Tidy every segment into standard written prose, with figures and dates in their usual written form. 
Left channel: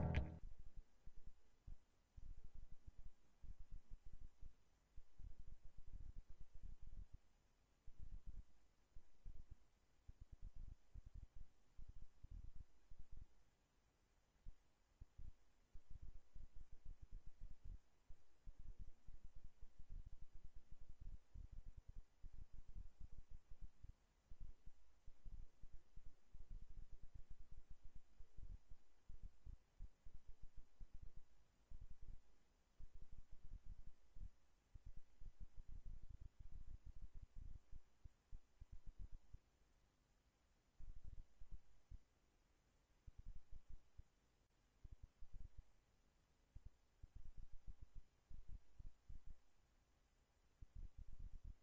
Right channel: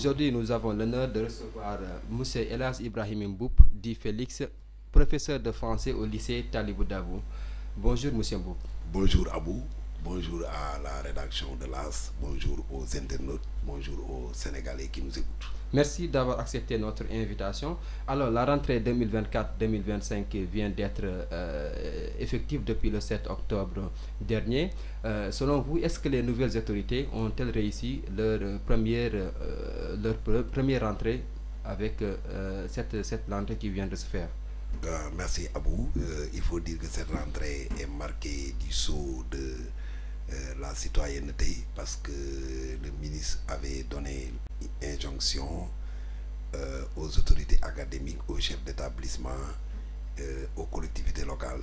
Aujourd'hui, nous avons l'honneur de recevoir M. Elas Ibrahim Mboup, dit Félix, professeur de français au lycée Talibou Dabou. Bonjour, M. Mboup. Bonjour Abou, bonjour à la rédaction de l'AS, bonjour aux internautes, bonjour aux Sénégalais qui nous écoutent. Merci d'avoir accepté notre invitation. Alors, la rentrée 2024-2025 vient d'être effective depuis le 7 octobre dernier. Selon vous, est-ce que les nouvelles autorités ont-elles réussi leur première rentrée avec cette rentrée qui vient de se faire? Merci Abou. Il faut dire que cette rentrée est marquée du sceau de la citoyenneté parce que le ministre avait donné injonction aux autorités académiques, aux chefs d'établissement, aux collectivités locales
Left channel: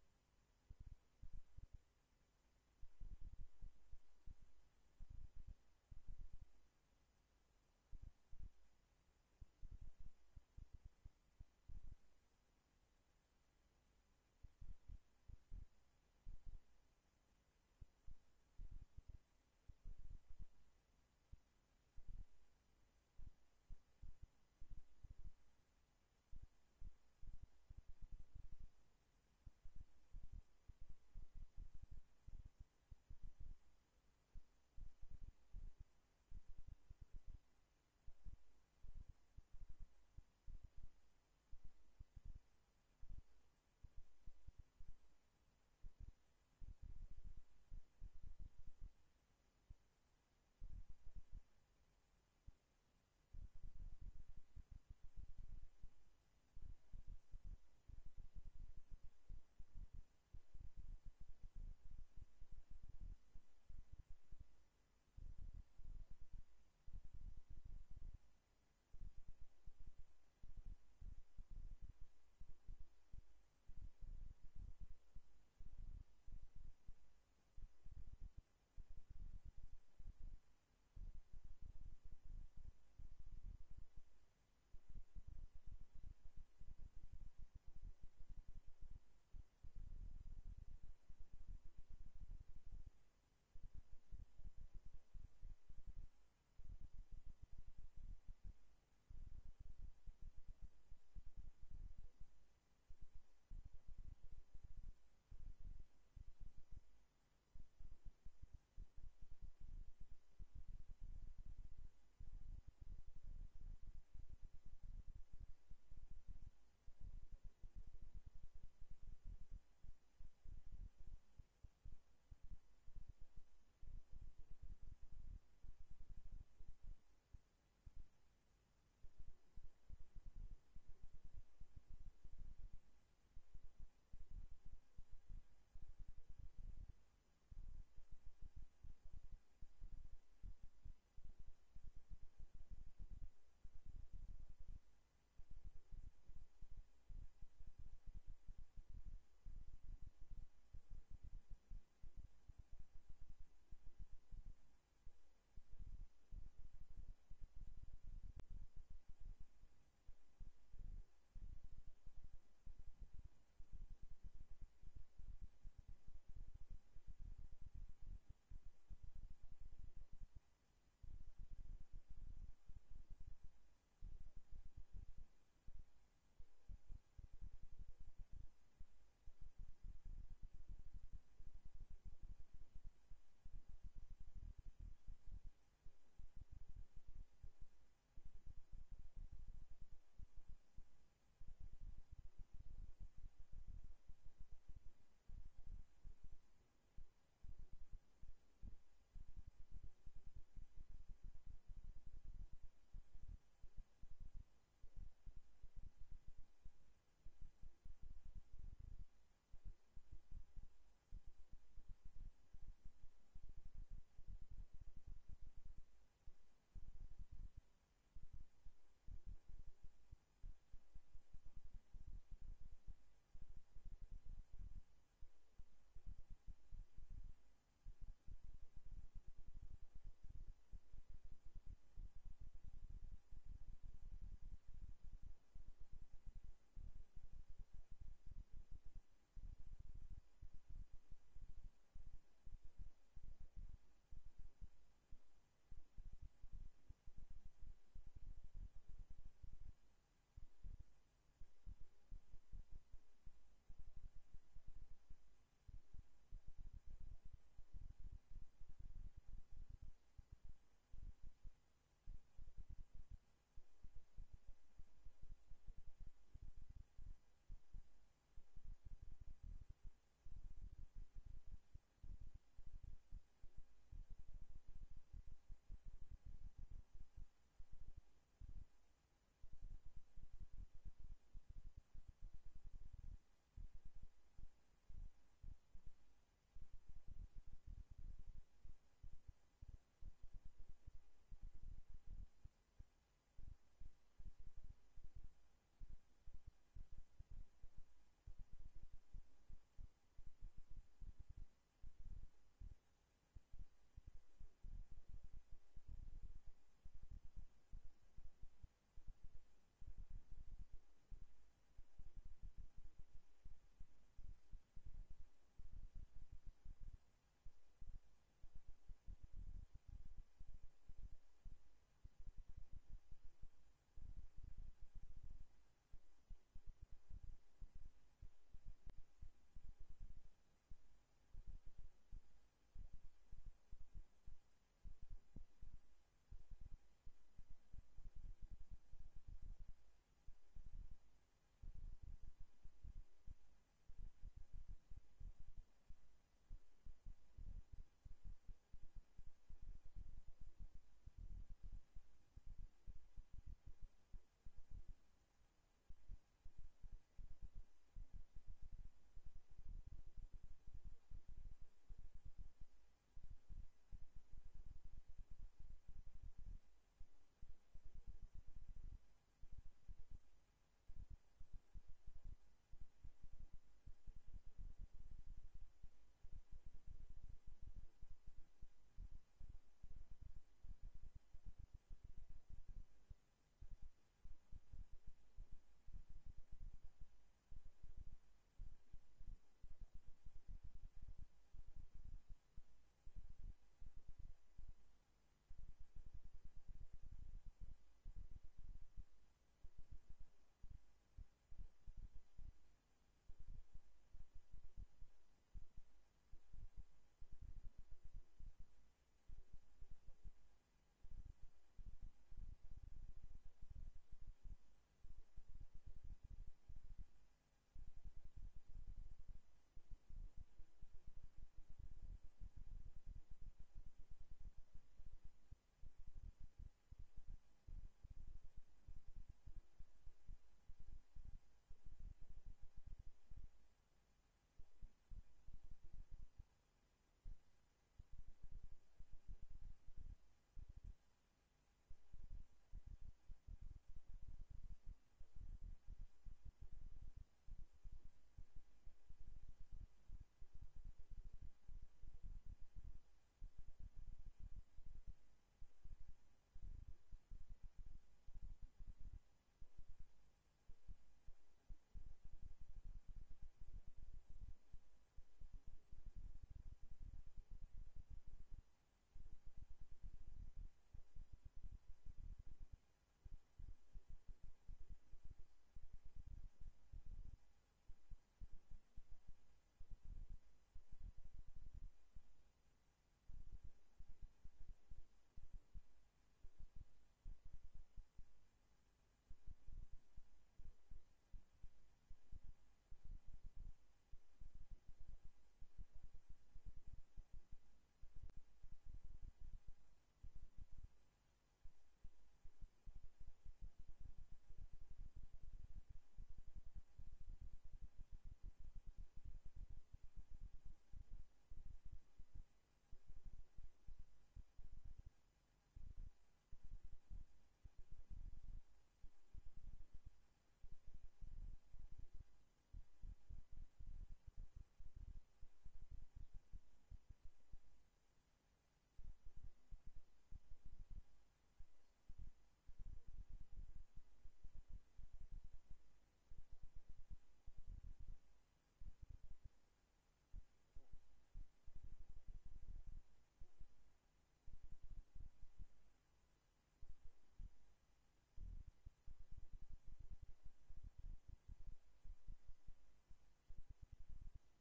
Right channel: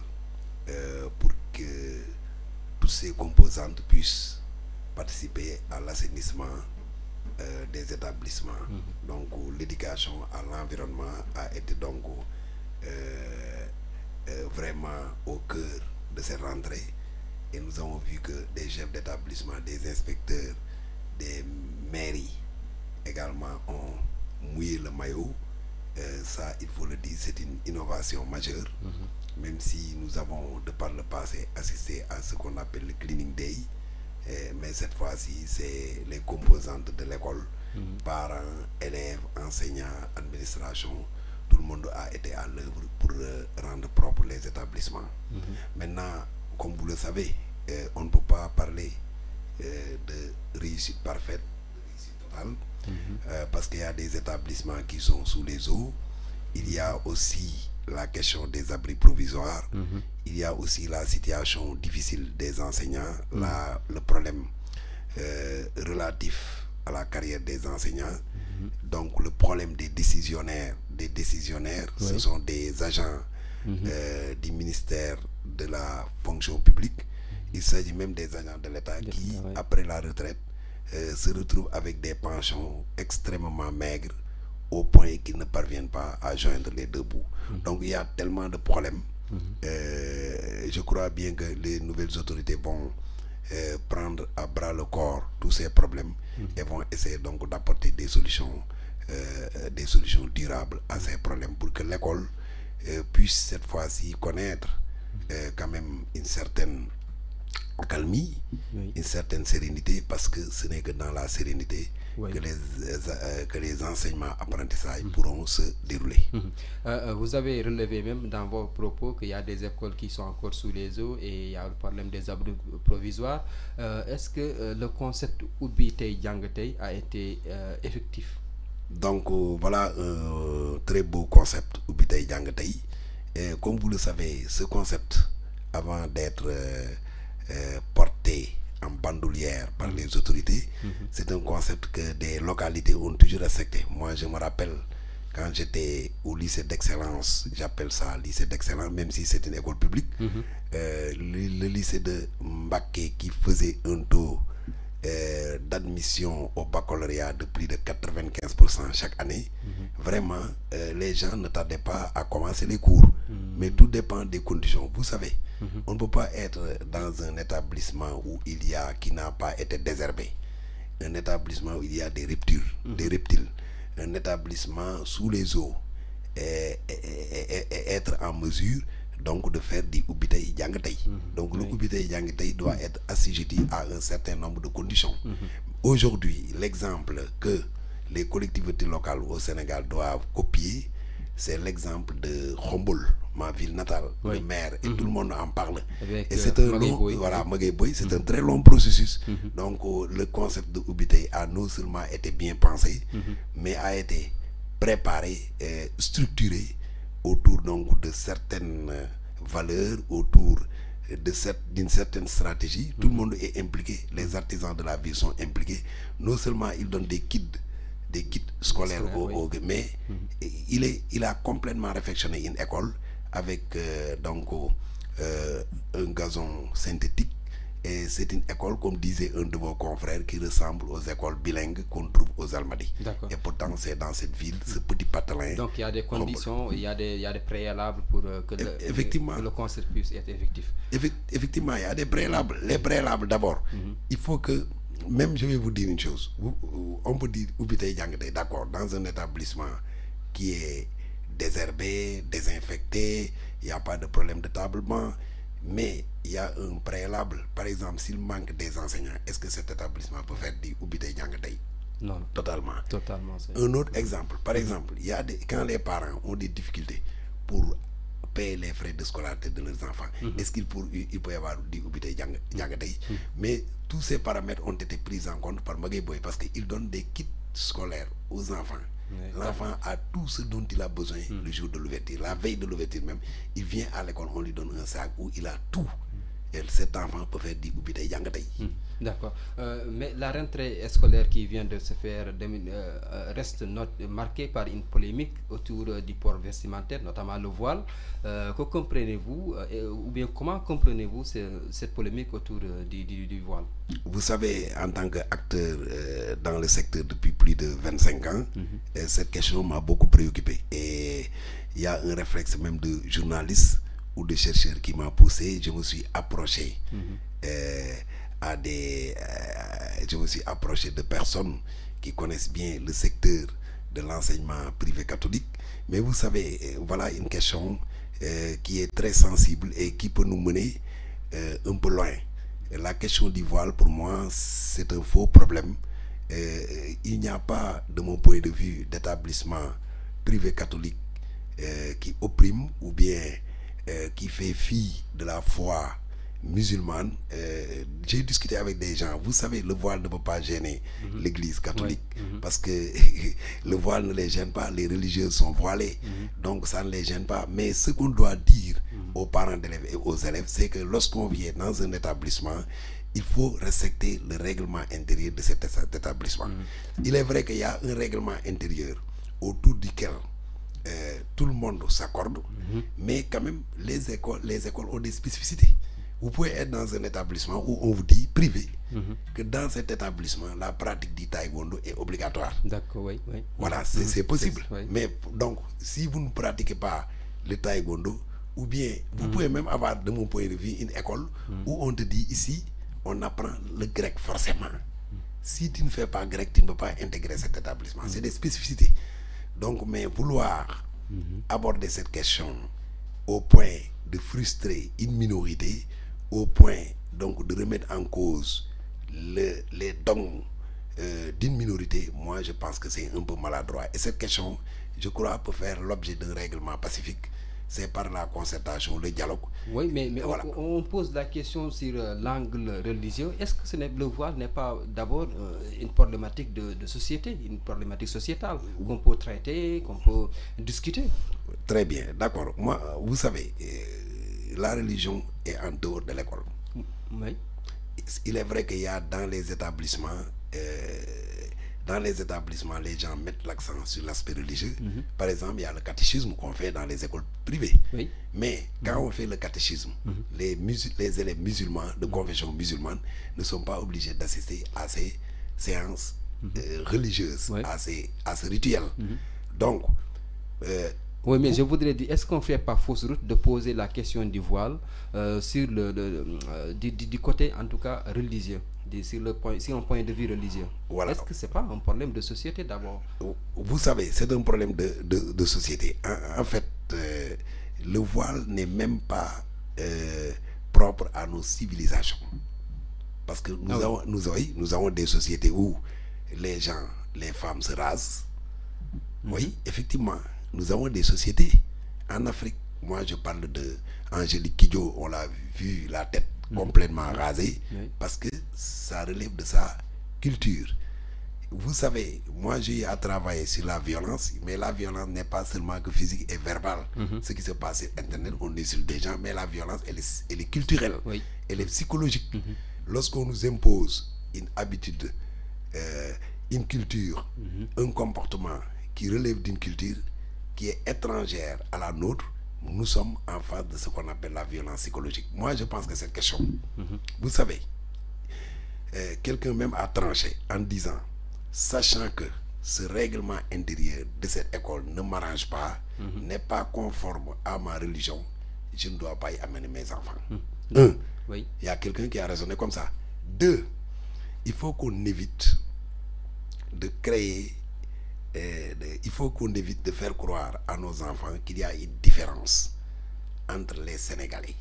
pour que toutes ces composantes puissent participer à l'assainissement des établissements. Donc l'éducation à l'environnement a été donc vraiment au cœur de cette rentrée et nous avons vu que des chefs d'établissement, des inspecteurs, des mairies également ont mouillé le maillot. Ça, il faut le dire, c'est une innovation majeure, même si nous avons de par le passé assisté à ce qu'on appelle le cleaning day, mais cette fois-ci c'est les composantes de l'école, parents, élèves, enseignants, administration, tout le monde a été à l'œuvre pour rendre propres les établissements. Maintenant, comme vous le savez, on ne peut pas parler de réussite parfaite, de réussite totale, parce qu'il y a des établissements qui sont sous les eaux. Il y a aussi la question des abris provisoires. Il y a aussi la situation difficile des enseignants, le problème relatif à la carrière des enseignants. Donc le problème des décisionnaires, ce sont des agents du ministère de la fonction publique. Il s'agit même des agents de l'État qui, après la retraite, se retrouvent avec des pensions extrêmement maigres au point qu'ils ne parviennent pas à joindre les deux bouts. Donc il y a tellement de problèmes. Je crois bien que les nouvelles autorités vont prendre à bras le corps tous ces problèmes et vont essayer donc d'apporter des solutions durables à ces problèmes pour que l'école puisse cette fois-ci connaître quand même une certaine accalmie, une certaine sérénité, parce que ce n'est que dans la sérénité que les enseignements apprentissages pourront se dérouler. Vous avez relevé même dans vos propos qu'il y a des écoles qui sont encore sous les eaux et il y a le problème des abris provisoires. Est-ce que le concept Ubbi Tay Jàng Tay a été effectif? Donc voilà un très beau concept, Ubbi Tay Jàng Tay. Comme vous le savez, ce concept, avant d'être porté en bandoulière par les autorités, c'est un concept que des localités ont toujours respecté. Moi, je me rappelle quand j'étais au lycée d'excellence, j'appelle ça lycée d'excellence, même si c'est une école publique, le lycée de Mbacké qui faisait un taux d'admission au baccalauréat de plus de 95% chaque année. Vraiment, les gens ne tardaient pas à commencer les cours, mais tout dépend des conditions. Vous savez, on ne peut pas être dans un établissement où il y a, qui n'a pas été désherbé, un établissement où il y a des reptiles, un établissement sous les eaux, et être en mesure donc de faire du Ubbi Tay Jàng Tay. Donc le Ubbi Tay Jàng Tay doit être assujetti à un certain nombre de conditions. Aujourd'hui, l'exemple que les collectivités locales au Sénégal doivent copier, c'est l'exemple de Khombole, ma ville natale, le maire, et tout le monde en parle. Et c'est un long, voilà, Magaye Boye, c'est un très long processus. Donc le concept de Ubbi Tay a non seulement été bien pensé, mais a été préparé et structuré autour donc de certaines valeurs, autour d'une certaine stratégie. Tout le monde est impliqué, les artisans de la ville sont impliqués. Non seulement ils donnent des kits scolaires mais il a complètement réfectionné une école avec donc un gazon synthétique. Et c'est une école, comme disait un de vos confrères, qui ressemble aux écoles bilingues qu'on trouve aux Almadies. Et pourtant, c'est dans cette ville, ce petit patelin. Donc il y a des conditions, il y a des préalables pour que le concept puisse être effectif. Effectivement, il y a des préalables. Les préalables d'abord, il faut que même je vais vous dire une chose. On peut dire Oubitey Dianguetey, d'accord, dans un établissement qui est désherbé, désinfecté, il n'y a pas de problème de tablement, mais il y a un préalable. Par exemple, s'il manque des enseignants, est-ce que cet établissement peut faire du Oubitey Dianguetey? Non. Totalement. Totalement. Un autre exemple, par exemple, il y a quand les parents ont des difficultés pour payer les frais de scolarité de leurs enfants, est-ce qu'il peut y avoir du Oubitey Dianguetey? Mais tous ces paramètres ont été pris en compte par Maguette Boye parce qu'il donne des kits scolaires aux enfants. L'enfant a tout ce dont il a besoin le jour de l'ouverture. La veille de l'ouverture même, il vient à l'école, on lui donne un sac où il a tout. Et cet enfant peut faire du Oubitey Dianguetey. D'accord. Mais la rentrée scolaire qui vient de se faire reste marquée par une polémique autour du port vestimentaire, notamment le voile. Que comprenez-vous, ou bien comment comprenez-vous cette polémique autour du voile? Vous savez, en tant qu'acteur dans le secteur depuis plus de 25 ans, cette question m'a beaucoup préoccupé. Et il y a un réflexe même de journaliste ou de chercheur qui m'a poussé. Je me suis approché je me suis approché de personnes qui connaissent bien le secteur de l'enseignement privé catholique. Mais vous savez, voilà une question qui est très sensible et qui peut nous mener un peu loin. La question du voile, pour moi, c'est un faux problème. Il n'y a pas, de mon point de vue, d'établissement privé catholique qui opprime ou bien qui fait fi de la foi musulmane. J'ai discuté avec des gens. Vous savez, le voile ne peut pas gêner l'église catholique parce que le voile ne les gêne pas, les religieux sont voilés, donc ça ne les gêne pas. Mais ce qu'on doit dire aux parents d'élèves et aux élèves, c'est que lorsqu'on vient dans un établissement, il faut respecter le règlement intérieur de cet établissement. Il est vrai qu'il y a un règlement intérieur autour duquel tout le monde s'accorde, mais quand même les écoles ont des spécificités. Vous pouvez être dans un établissement où on vous dit privé que dans cet établissement la pratique du taekwondo est obligatoire. D'accord, oui. Voilà, c'est possible. Mais donc, si vous ne pratiquez pas le taekwondo, ou bien vous pouvez même avoir, de mon point de vue, une école où on te dit ici, on apprend le grec forcément. Si tu ne fais pas grec, tu ne peux pas intégrer cet établissement. C'est des spécificités. Donc, mais vouloir aborder cette question au point de frustrer une minorité, au point donc de remettre en cause les dons d'une minorité, moi je pense que c'est un peu maladroit. Et cette question, je crois, peut faire l'objet d'un règlement pacifique. C'est par la concertation, le dialogue. Oui, mais voilà. On pose la question sur l'angle religieux. Est-ce que le voile n'est pas d'abord une problématique de société, une problématique sociétale qu'on peut traiter, qu'on peut discuter? Très bien, d'accord. Moi, vous savez, la religion est en dehors de l'école. Oui. Il est vrai qu'il y a dans les établissements, les gens mettent l'accent sur l'aspect religieux. Par exemple, il y a le catéchisme qu'on fait dans les écoles privées. Oui. Mais quand on fait le catéchisme, les élèves musulmans de confession musulmane ne sont pas obligés d'assister à ces séances religieuses, à ce rituel. Donc, oui, mais je voudrais dire, est-ce qu'on ne fait pas fausse route de poser la question du voile sur du côté, en tout cas, religieux, sur un point de vue religieux? Voilà. Est-ce que ce n'est pas un problème de société d'abord? Vous savez, c'est un problème de société. En fait, le voile n'est même pas propre à nos civilisations. Parce que nous avons des sociétés où les femmes se rasent. Oui, effectivement. Nous avons des sociétés en Afrique. Moi, je parle de Angélique Kidjo, on l'a vu la tête complètement rasée parce que ça relève de sa culture. Vous savez, moi, j'ai à travailler sur la violence, mais la violence n'est pas seulement que physique et verbale. Ce qui se passe sur Internet, on insulte des gens, mais la violence, elle est culturelle, elle est psychologique. Lorsqu'on nous impose une habitude, une culture, un comportement qui relève d'une culture qui est étrangère à la nôtre, nous sommes en face de ce qu'on appelle la violence psychologique. Moi, je pense que cette question, vous savez, quelqu'un même a tranché en disant, sachant que ce règlement intérieur de cette école ne m'arrange pas, n'est pas conforme à ma religion, je ne dois pas y amener mes enfants. Un, il y a quelqu'un qui a raisonné comme ça. Deux, il faut qu'on évite de créer, il faut qu'on évite de faire croire à nos enfants qu'il y a une différence entre les Sénégalais.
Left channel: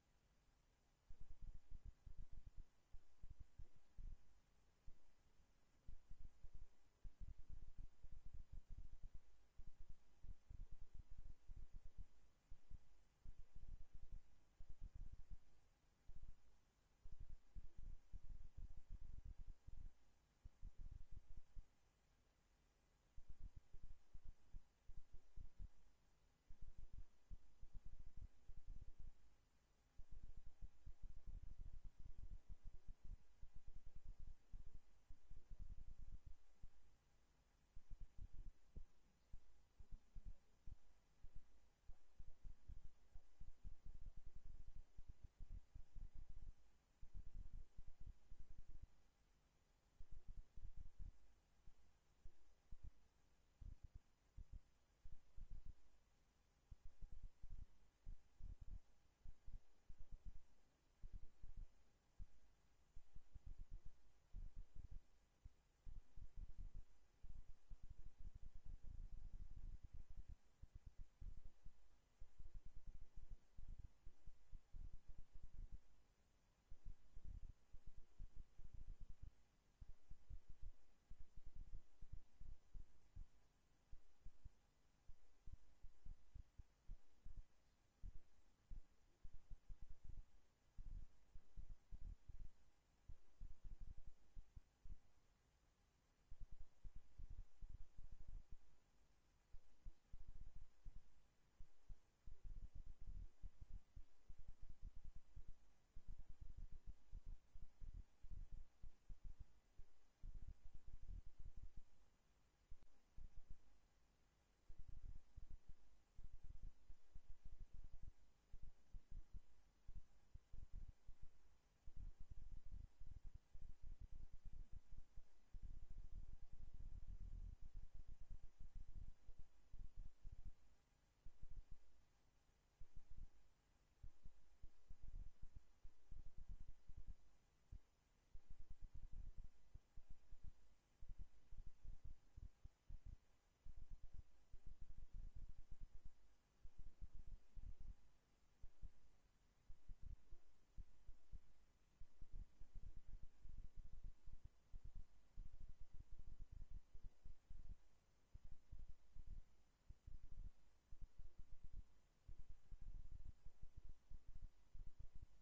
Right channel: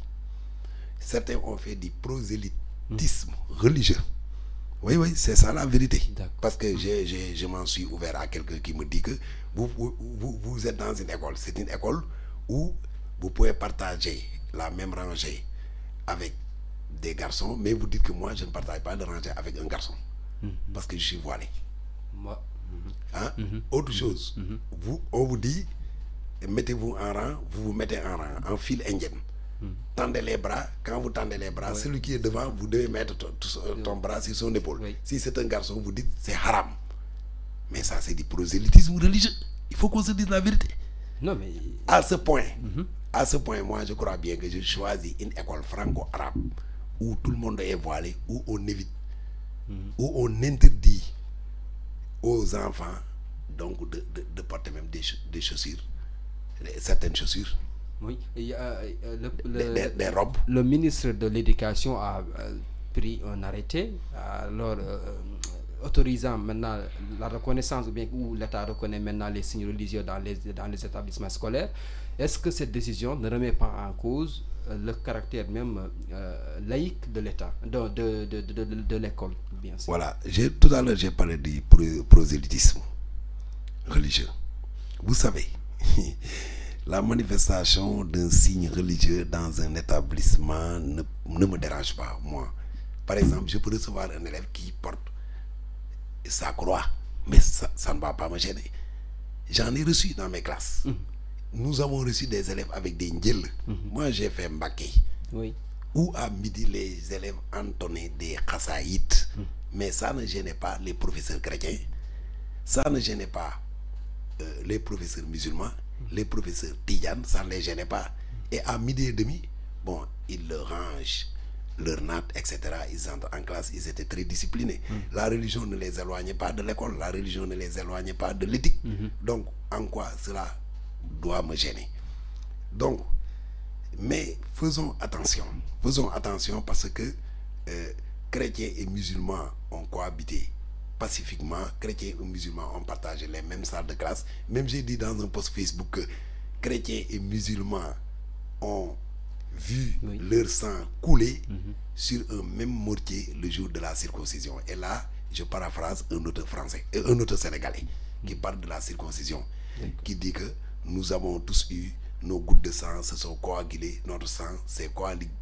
Certains ont fait du prosélytisme religieux. Oui, oui, c'est ça la vérité. Parce que je m'en suis ouvert à quelqu'un qui me dit que vous êtes dans une école. C'est une école où vous pouvez partager la même rangée avec des garçons, mais vous dites que moi, je ne partage pas de rangée avec un garçon. Parce que je suis voilé. Hein? Autre chose, on vous dit, mettez-vous en rang, vous vous mettez en rang, en file indienne. Tendez les bras, quand vous tendez les bras, celui qui est devant, vous devez mettre ton bras sur son épaule. Si c'est un garçon, vous dites c'est haram. Mais ça, c'est du prosélytisme religieux. Il faut qu'on se dise la vérité. Non, mais... À ce point, moi, je crois bien que je choisis une école franco-arabe où tout le monde est voilé, où on évite, où on interdit aux enfants donc de porter même des chaussures, certaines chaussures. Oui, il y a, des robes. Le ministre de l'Éducation a pris un arrêté, alors autorisant maintenant la reconnaissance, ou bien où l'État reconnaît maintenant les signes religieux dans les établissements scolaires. Est-ce que cette décision ne remet pas en cause le caractère même laïque de l'État, de l'école, bien sûr? Voilà, tout à l'heure j'ai parlé du prosélytisme religieux. Vous savez, la manifestation d'un signe religieux dans un établissement ne me dérange pas, moi. Par exemple, je peux recevoir un élève qui porte sa croix, mais ça ne va pas me gêner. J'en ai reçu dans mes classes. Nous avons reçu des élèves avec des ndjel. Moi, j'ai fait Mbaké. Oui. Où à midi, les élèves entonnaient des khassaïtes. Mais ça ne gênait pas les professeurs chrétiens. Ça ne gênait pas les professeurs musulmans. Les professeurs tidianes, ça ne les gênait pas. Et à midi et demi, bon, ils le rangent, leur natte, etc. Ils entrent en classe, ils étaient très disciplinés. La religion ne les éloignait pas de l'école, la religion ne les éloignait pas de l'éthique. Donc, en quoi cela doit me gêner? Donc, mais faisons attention parce que chrétiens et musulmans ont cohabité pacifiquement. Chrétiens et musulmans ont partagé les mêmes salles de classe. Même j'ai dit dans un post Facebook que chrétiens et musulmans ont vu leur sang couler sur un même mortier le jour de la circoncision. Et là, je paraphrase un autre français, un autre sénégalais qui parle de la circoncision, qui dit que nous avons tous eu nos gouttes de sang se sont coagulées, notre sang s'est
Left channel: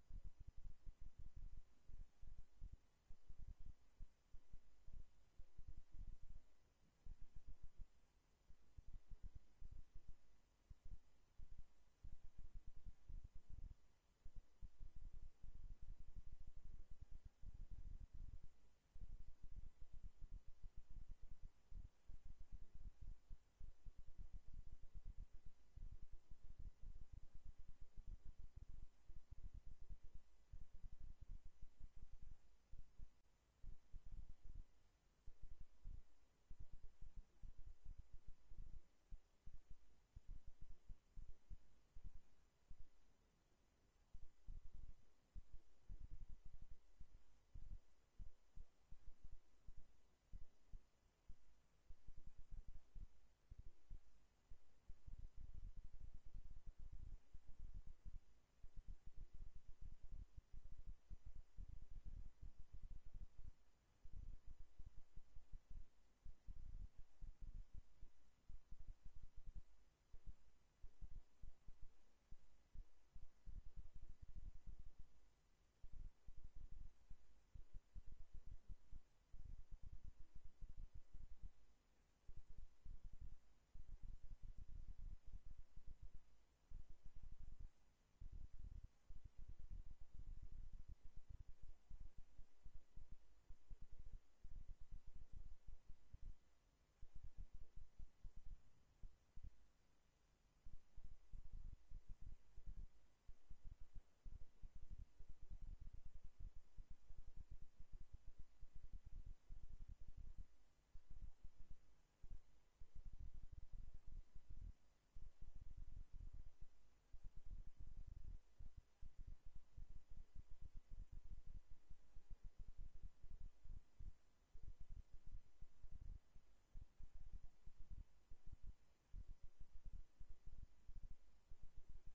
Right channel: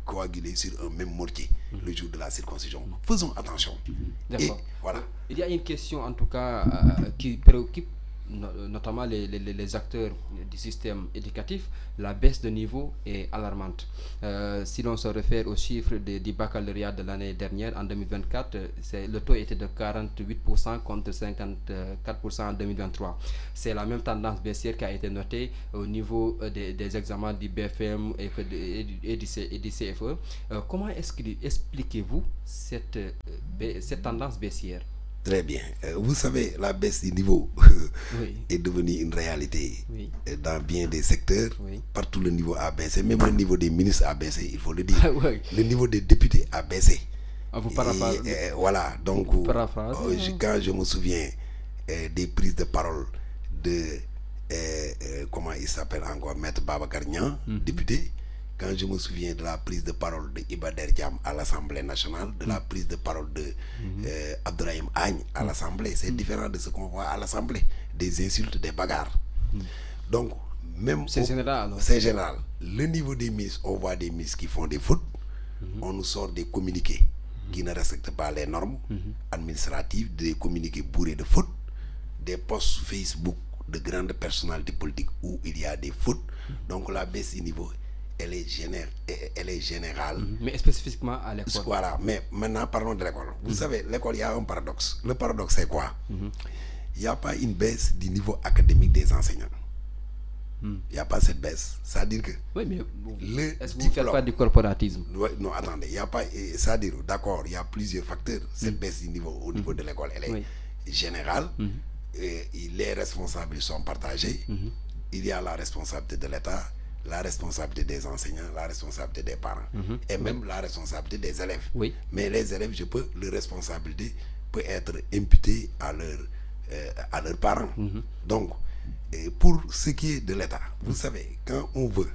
coagulé sur un même mortier le jour de la circoncision. Faisons attention. Et voilà. Il y a une question en tout cas qui préoccupe notamment les acteurs du système éducatif. La baisse de niveau est alarmante. Si l'on se réfère aux chiffres du baccalauréat de l'année dernière, en 2024, le taux était de 48% contre 54% en 2023. C'est la même tendance baissière qui a été notée au niveau des examens du BFM et du CFE. Comment expliquez-vous cette tendance baissière? Très bien. Vous savez, la baisse du niveau est devenue une réalité dans bien des secteurs. Partout le niveau a baissé. Même le niveau des ministres a baissé, il faut le dire. Le niveau des députés a baissé. Voilà. Donc, quand je me souviens des prises de parole de, comment il s'appelle encore, Maître Babacar Niang, député, quand je me souviens de la prise de parole de Iba Der Thiam à l'Assemblée nationale, de la prise de parole de Abdourahim Agne à l'Assemblée, c'est différent de ce qu'on voit à l'Assemblée, des insultes, des bagarres. Donc, même... C'est général. C'est général. Le niveau des ministres, on voit des ministres qui font des fautes, on nous sort des communiqués qui ne respectent pas les normes administratives, des communiqués bourrés de fautes, des posts Facebook de grandes personnalités politiques où il y a des fautes. Donc la baisse du niveau, elle est générale. Mais spécifiquement à l'école. Voilà, mais maintenant parlons de l'école. Vous savez, l'école, il y a un paradoxe. Le paradoxe, c'est quoi? Il n'y a pas une baisse du niveau académique des enseignants. Il n'y a pas cette baisse. C'est-à-dire que... Oui, mais est-ce que vous ne faites pas du corporatisme? Non, attendez, il n'y a pas... C'est-à-dire, d'accord, il y a plusieurs facteurs. Cette baisse du niveau au niveau de l'école, elle est générale. Et les responsables sont partagés. Il y a la responsabilité de l'État, la responsabilité des enseignants, la responsabilité des parents et même la responsabilité des élèves. Mais les élèves, je peux leur responsabilité peut être imputée à leurs parents. Donc, pour ce qui est de l'État, vous savez, quand on veut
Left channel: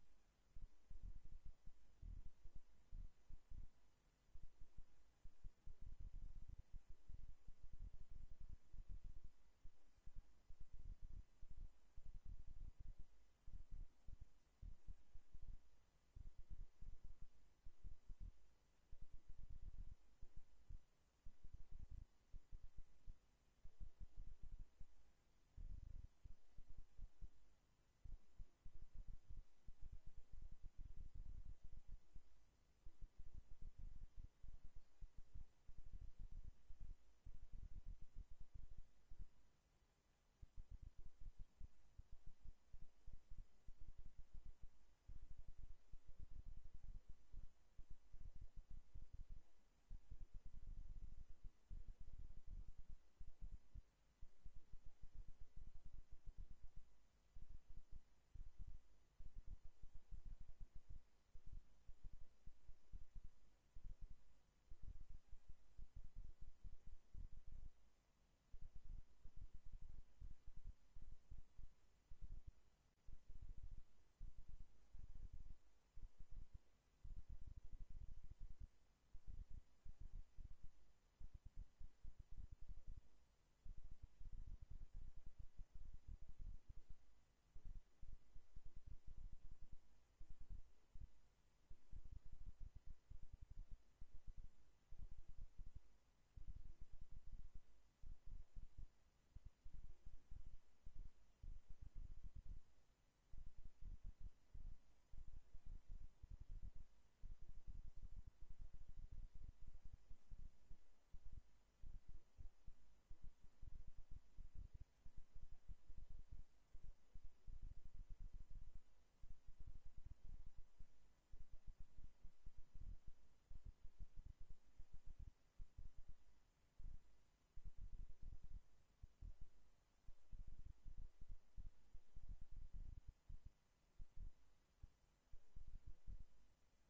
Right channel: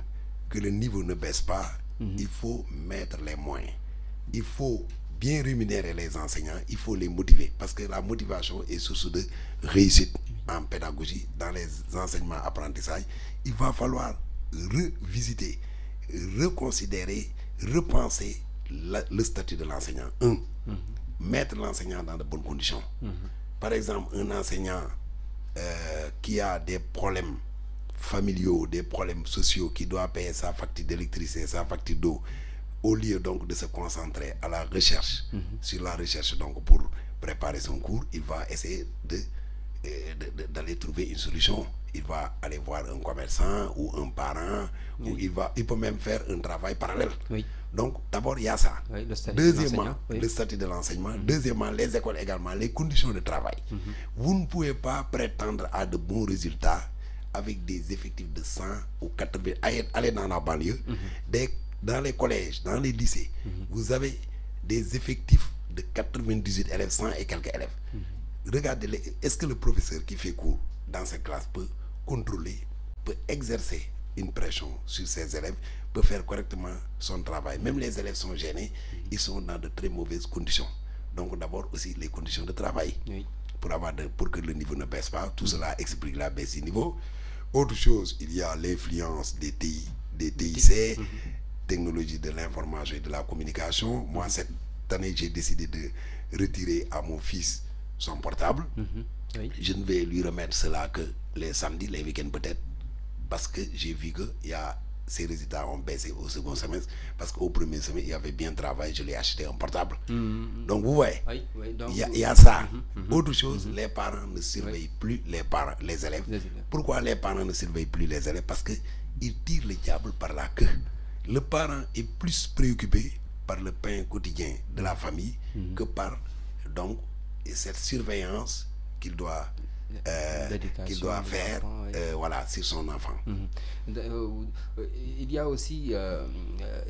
que le niveau ne baisse pas, il faut mettre les moyens. Il faut bien rémunérer les enseignants, il faut les motiver, parce que la motivation est source de réussite en pédagogie, dans les enseignements apprentissages. Il va falloir revisiter, reconsidérer, repenser le statut de l'enseignant. Mettre l'enseignant dans de bonnes conditions. Par exemple, un enseignant qui a des problèmes familiaux, des problèmes sociaux, qui doit payer sa facture d'électricité, sa facture d'eau, au lieu donc de se concentrer à la recherche, sur la recherche donc pour préparer son cours, il va essayer d'aller trouver une solution. Il va aller voir un commerçant ou un parent, ou il peut même faire un travail parallèle. Donc d'abord il y a ça. Deuxièmement, le statut de l'enseignement. Deuxièmement, les écoles également, les conditions de travail. Vous ne pouvez pas prétendre à de bons résultats avec des effectifs de 100 ou 80. Allez dans la banlieue, dans les collèges, dans les lycées, vous avez des effectifs de 98 élèves, 100 et quelques élèves. Regardez, est-ce que le professeur qui fait cours dans cette classe peut contrôler, peut exercer une pression sur ses élèves, peut faire correctement son travail? Même les élèves sont gênés, ils sont dans de très mauvaises conditions. Donc d'abord aussi les conditions de travail, pour que le niveau ne baisse pas. Tout cela explique la baisse du niveau. Autre chose, il y a l'influence des TIC, technologie de l'information et de la communication. Moi, cette année, j'ai décidé de retirer à mon fils son portable. Je ne vais lui remettre cela que les samedis, les week-ends peut-être, parce que j'ai vu que ses résultats ont baissé au second semestre, parce qu'au premier semestre, il avait bien travaillé, je lui ai acheté un portable. Donc vous voyez, il y a ça. Autre chose, les parents ne surveillent plus les élèves. Pourquoi les parents ne surveillent plus les élèves? Parce qu'ils tirent le diable par la queue. Le parent est plus préoccupé par le pain quotidien de la famille que par donc cette surveillance qu'il doit faire voilà, sur son enfant. Il y a aussi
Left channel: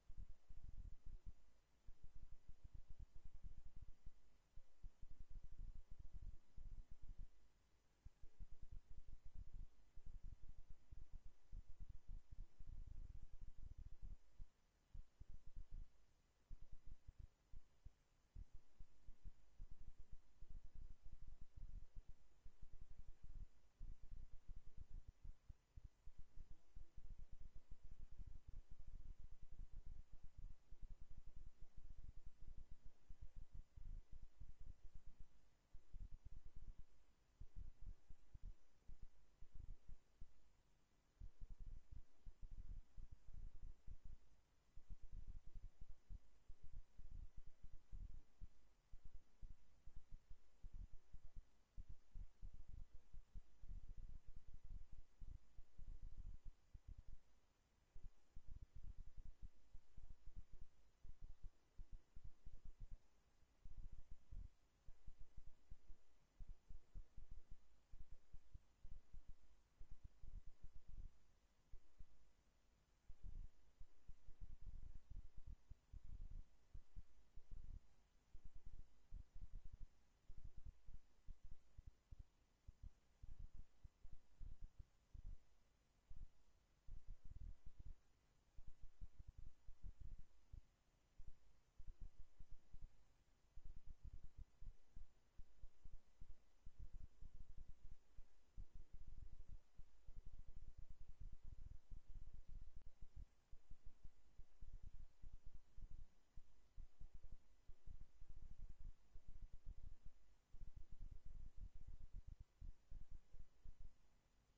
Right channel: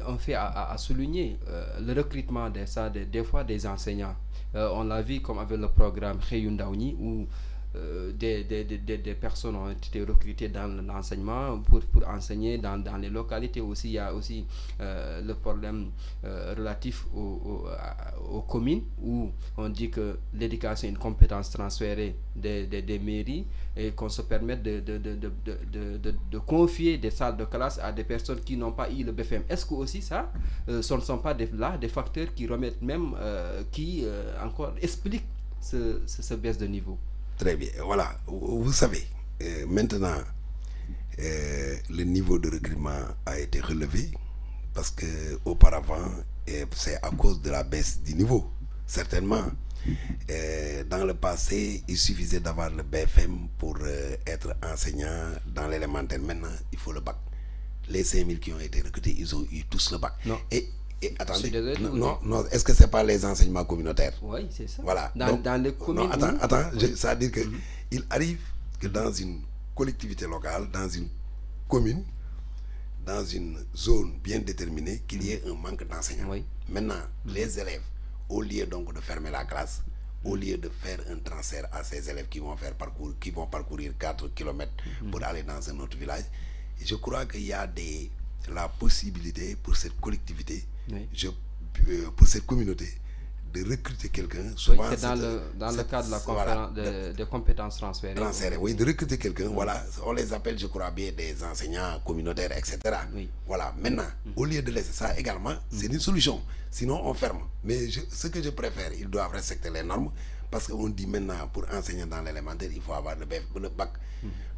un fait à souligner, le recrutement des fois des enseignants. On l'a vu comme avec le programme Xëyu Ndaw ñi, où des personnes ont été recrutées dans l'enseignement pour enseigner dans les localités aussi. Il y a aussi le problème relatif aux communes, où on dit que l'éducation est une compétence transférée des mairies, et qu'on se permette de confier des salles de classe à des personnes qui n'ont pas eu le BFM. Est-ce que aussi ça, ce ne sont pas des facteurs qui remettent même, qui encore expliquent ce baisse de niveau? Très bien. Voilà. Vous savez, maintenant, le niveau de recrutement a été relevé, parce que auparavant, c'est à cause de la baisse du niveau, certainement. Dans le passé, il suffisait d'avoir le BFM pour être enseignant dans l'élémentaire. Maintenant, il faut le bac. Les 5000 qui ont été recrutés, ils ont eu tous le bac. Non. Et attendez, non, est-ce que c'est pas les enseignements communautaires? Oui, c'est ça. Voilà. Dans les communes. Non, attends, ça veut dire que il arrive que dans une collectivité locale, dans une commune, dans une zone bien déterminée, qu'il y ait un manque d'enseignants. Maintenant, les élèves, au lieu donc de fermer la classe, au lieu de faire un transfert à ces élèves qui vont parcourir 4 km pour aller dans un autre village, je crois qu'il y a la possibilité pour cette collectivité, pour cette communauté, de recruter quelqu'un. Souvent, c'est dans le cadre de la conférence des compétences transférées. Oui, de recruter quelqu'un. Voilà, on les appelle, je crois bien, des enseignants communautaires, etc. Voilà, maintenant, au lieu de laisser ça également, c'est une solution. Sinon, on ferme. Mais ce que je préfère, ils doivent respecter les normes, parce qu'on dit maintenant, pour enseigner dans l'élémentaire, il faut avoir le bac.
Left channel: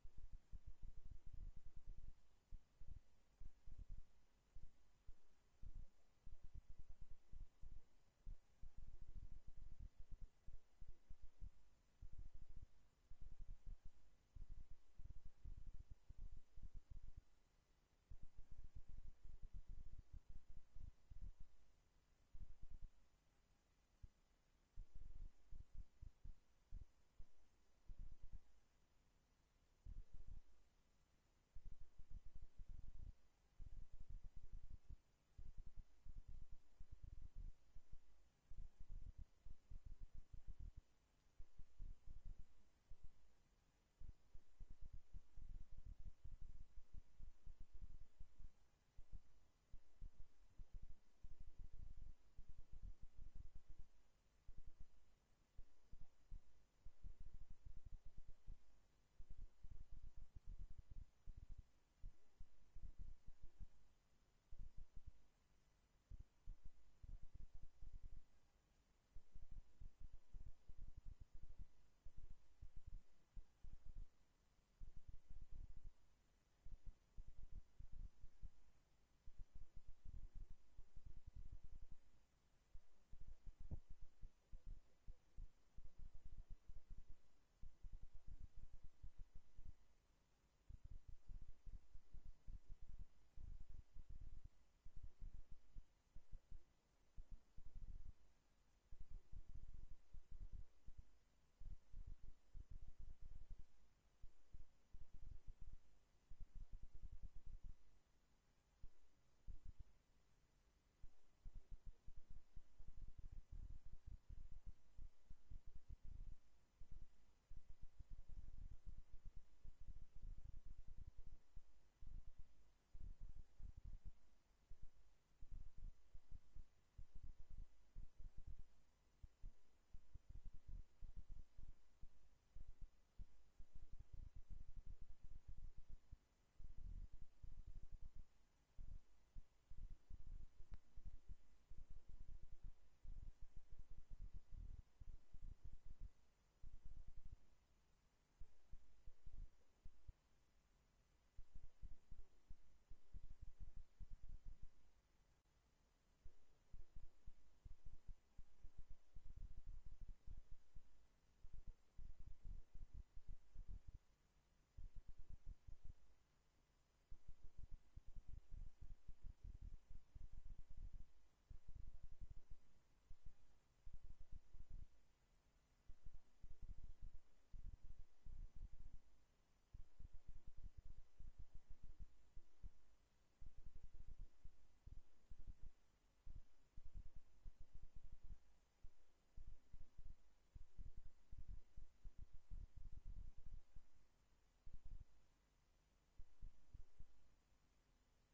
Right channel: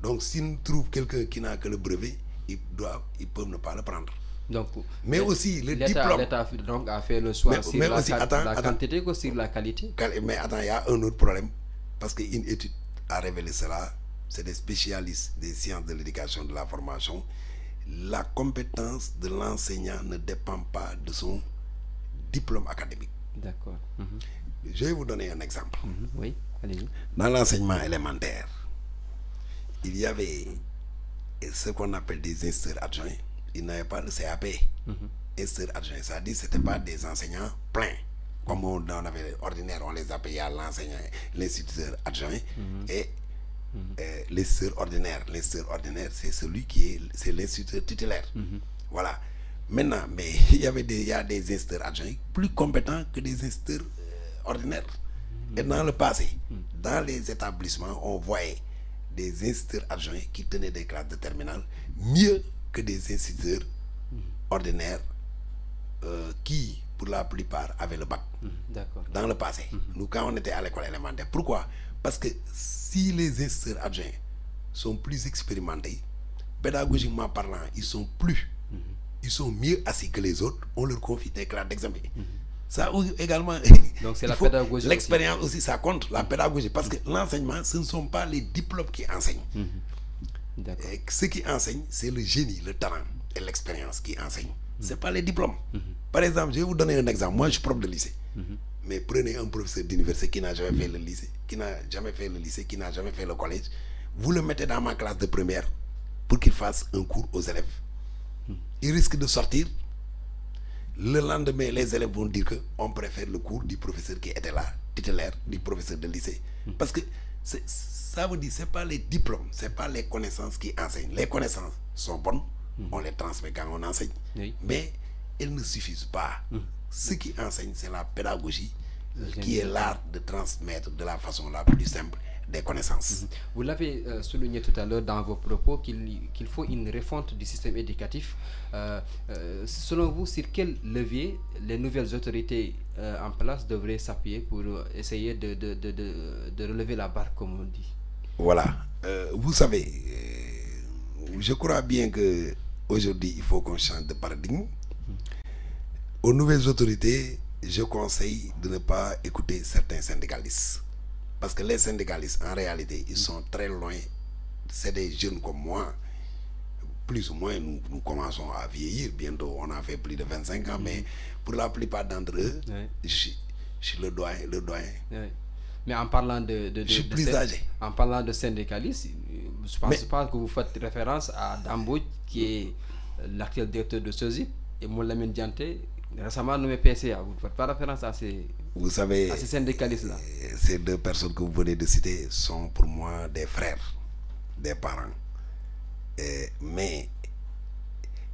Donc, s'ils trouvent quelqu'un qui n'a que le brevet, ils peuvent ne pas le prendre. Donc, mais aussi le diplôme. L'État donc a fait le choix sur la quantité que sur la qualité. Mais attends, il y a un autre problème, parce qu'une étude a révélé cela. C'est des spécialistes des sciences de l'éducation, de la formation. La compétence de l'enseignant ne dépend pas de son diplôme académique. D'accord. Je vais vous donner un exemple. Oui, allez-y. Dans l'enseignement élémentaire, il y avait ce qu'on appelle des instituteurs adjoints. Il n'avait pas le CAP. Instituteurs adjoints, c'est-à-dire que ce n'étaient pas des enseignants pleins. Comme on avait ordinaire, on les appelait l'enseignant, l'instituteur adjoint et l'instituteur ordinaire. L'instituteur ordinaire, c'est celui c'est l'instituteur titulaire. Voilà. Maintenant, mais il y a des instituteurs adjoints plus compétents que des instituteurs ordinaires. Et dans le passé, dans les établissements, on voyait des instituteurs adjoints qui tenaient des classes de terminale mieux que des instituteurs ordinaires qui, pour la plupart, avaient le bac. Dans le passé, nous, quand on était à l'école élémentaire. Pourquoi? Parce que si les instituteurs adjoints sont plus expérimentés, pédagogiquement parlant, ils sont mieux assis que les autres, on leur confie des classes d'examen. Ça également, donc c'est la pédagogie. L'expérience aussi, ça compte, la pédagogie, parce que l'enseignement, ce ne sont pas les diplômes qui enseignent. Ce qui enseigne, c'est le génie, le talent et l'expérience qui enseignent. Ce n'est pas les diplômes. Par exemple, je vais vous donner un exemple. Moi, je suis prof de lycée. Mais prenez un professeur d'université qui n'a jamais fait le lycée, qui n'a jamais fait le collège. Vous le mettez dans ma classe de première pour qu'il fasse un cours aux élèves. Il risque de sortir. Le lendemain, les élèves vont dire qu'on préfère le cours du professeur qui était là, titulaire, du professeur de lycée. Parce que ça veut dire que ce n'est pas les diplômes, ce n'est pas les connaissances qui enseignent. Les connaissances sont bonnes, on les transmet quand on enseigne. Mais elles ne suffisent pas. Ce qui enseigne, c'est la pédagogie, qui est l'art de transmettre de la façon la plus simple des connaissances. Vous l'avez souligné tout à l'heure dans vos propos qu'il faut une refonte du système éducatif. Selon vous, sur quel levier les nouvelles autorités en place devraient s'appuyer pour essayer de relever la barre, comme on dit? Voilà. Vous savez, je crois bien qu'aujourd'hui, il faut qu'on change de paradigme. Aux nouvelles autorités, je conseille de ne pas écouter certains syndicalistes. Parce que les syndicalistes, en réalité, ils sont très loin. C'est des jeunes comme moi. Plus ou moins, nous commençons à vieillir. Bientôt, on a fait plus de 25 ans. Mais pour la plupart d'entre eux, je suis le doyen. Mais en parlant de je suis plus âgé. En parlant de syndicalistes, je ne pense pas que vous faites référence à Dambodj, qui est l'actuel directeur de SOSIP, et Moulamine Dianté, récemment nommé PCA. Vous ne faites pas référence à ces syndicalistes-là. Ces deux personnes que vous venez de citer sont pour moi des frères, des parents. Mais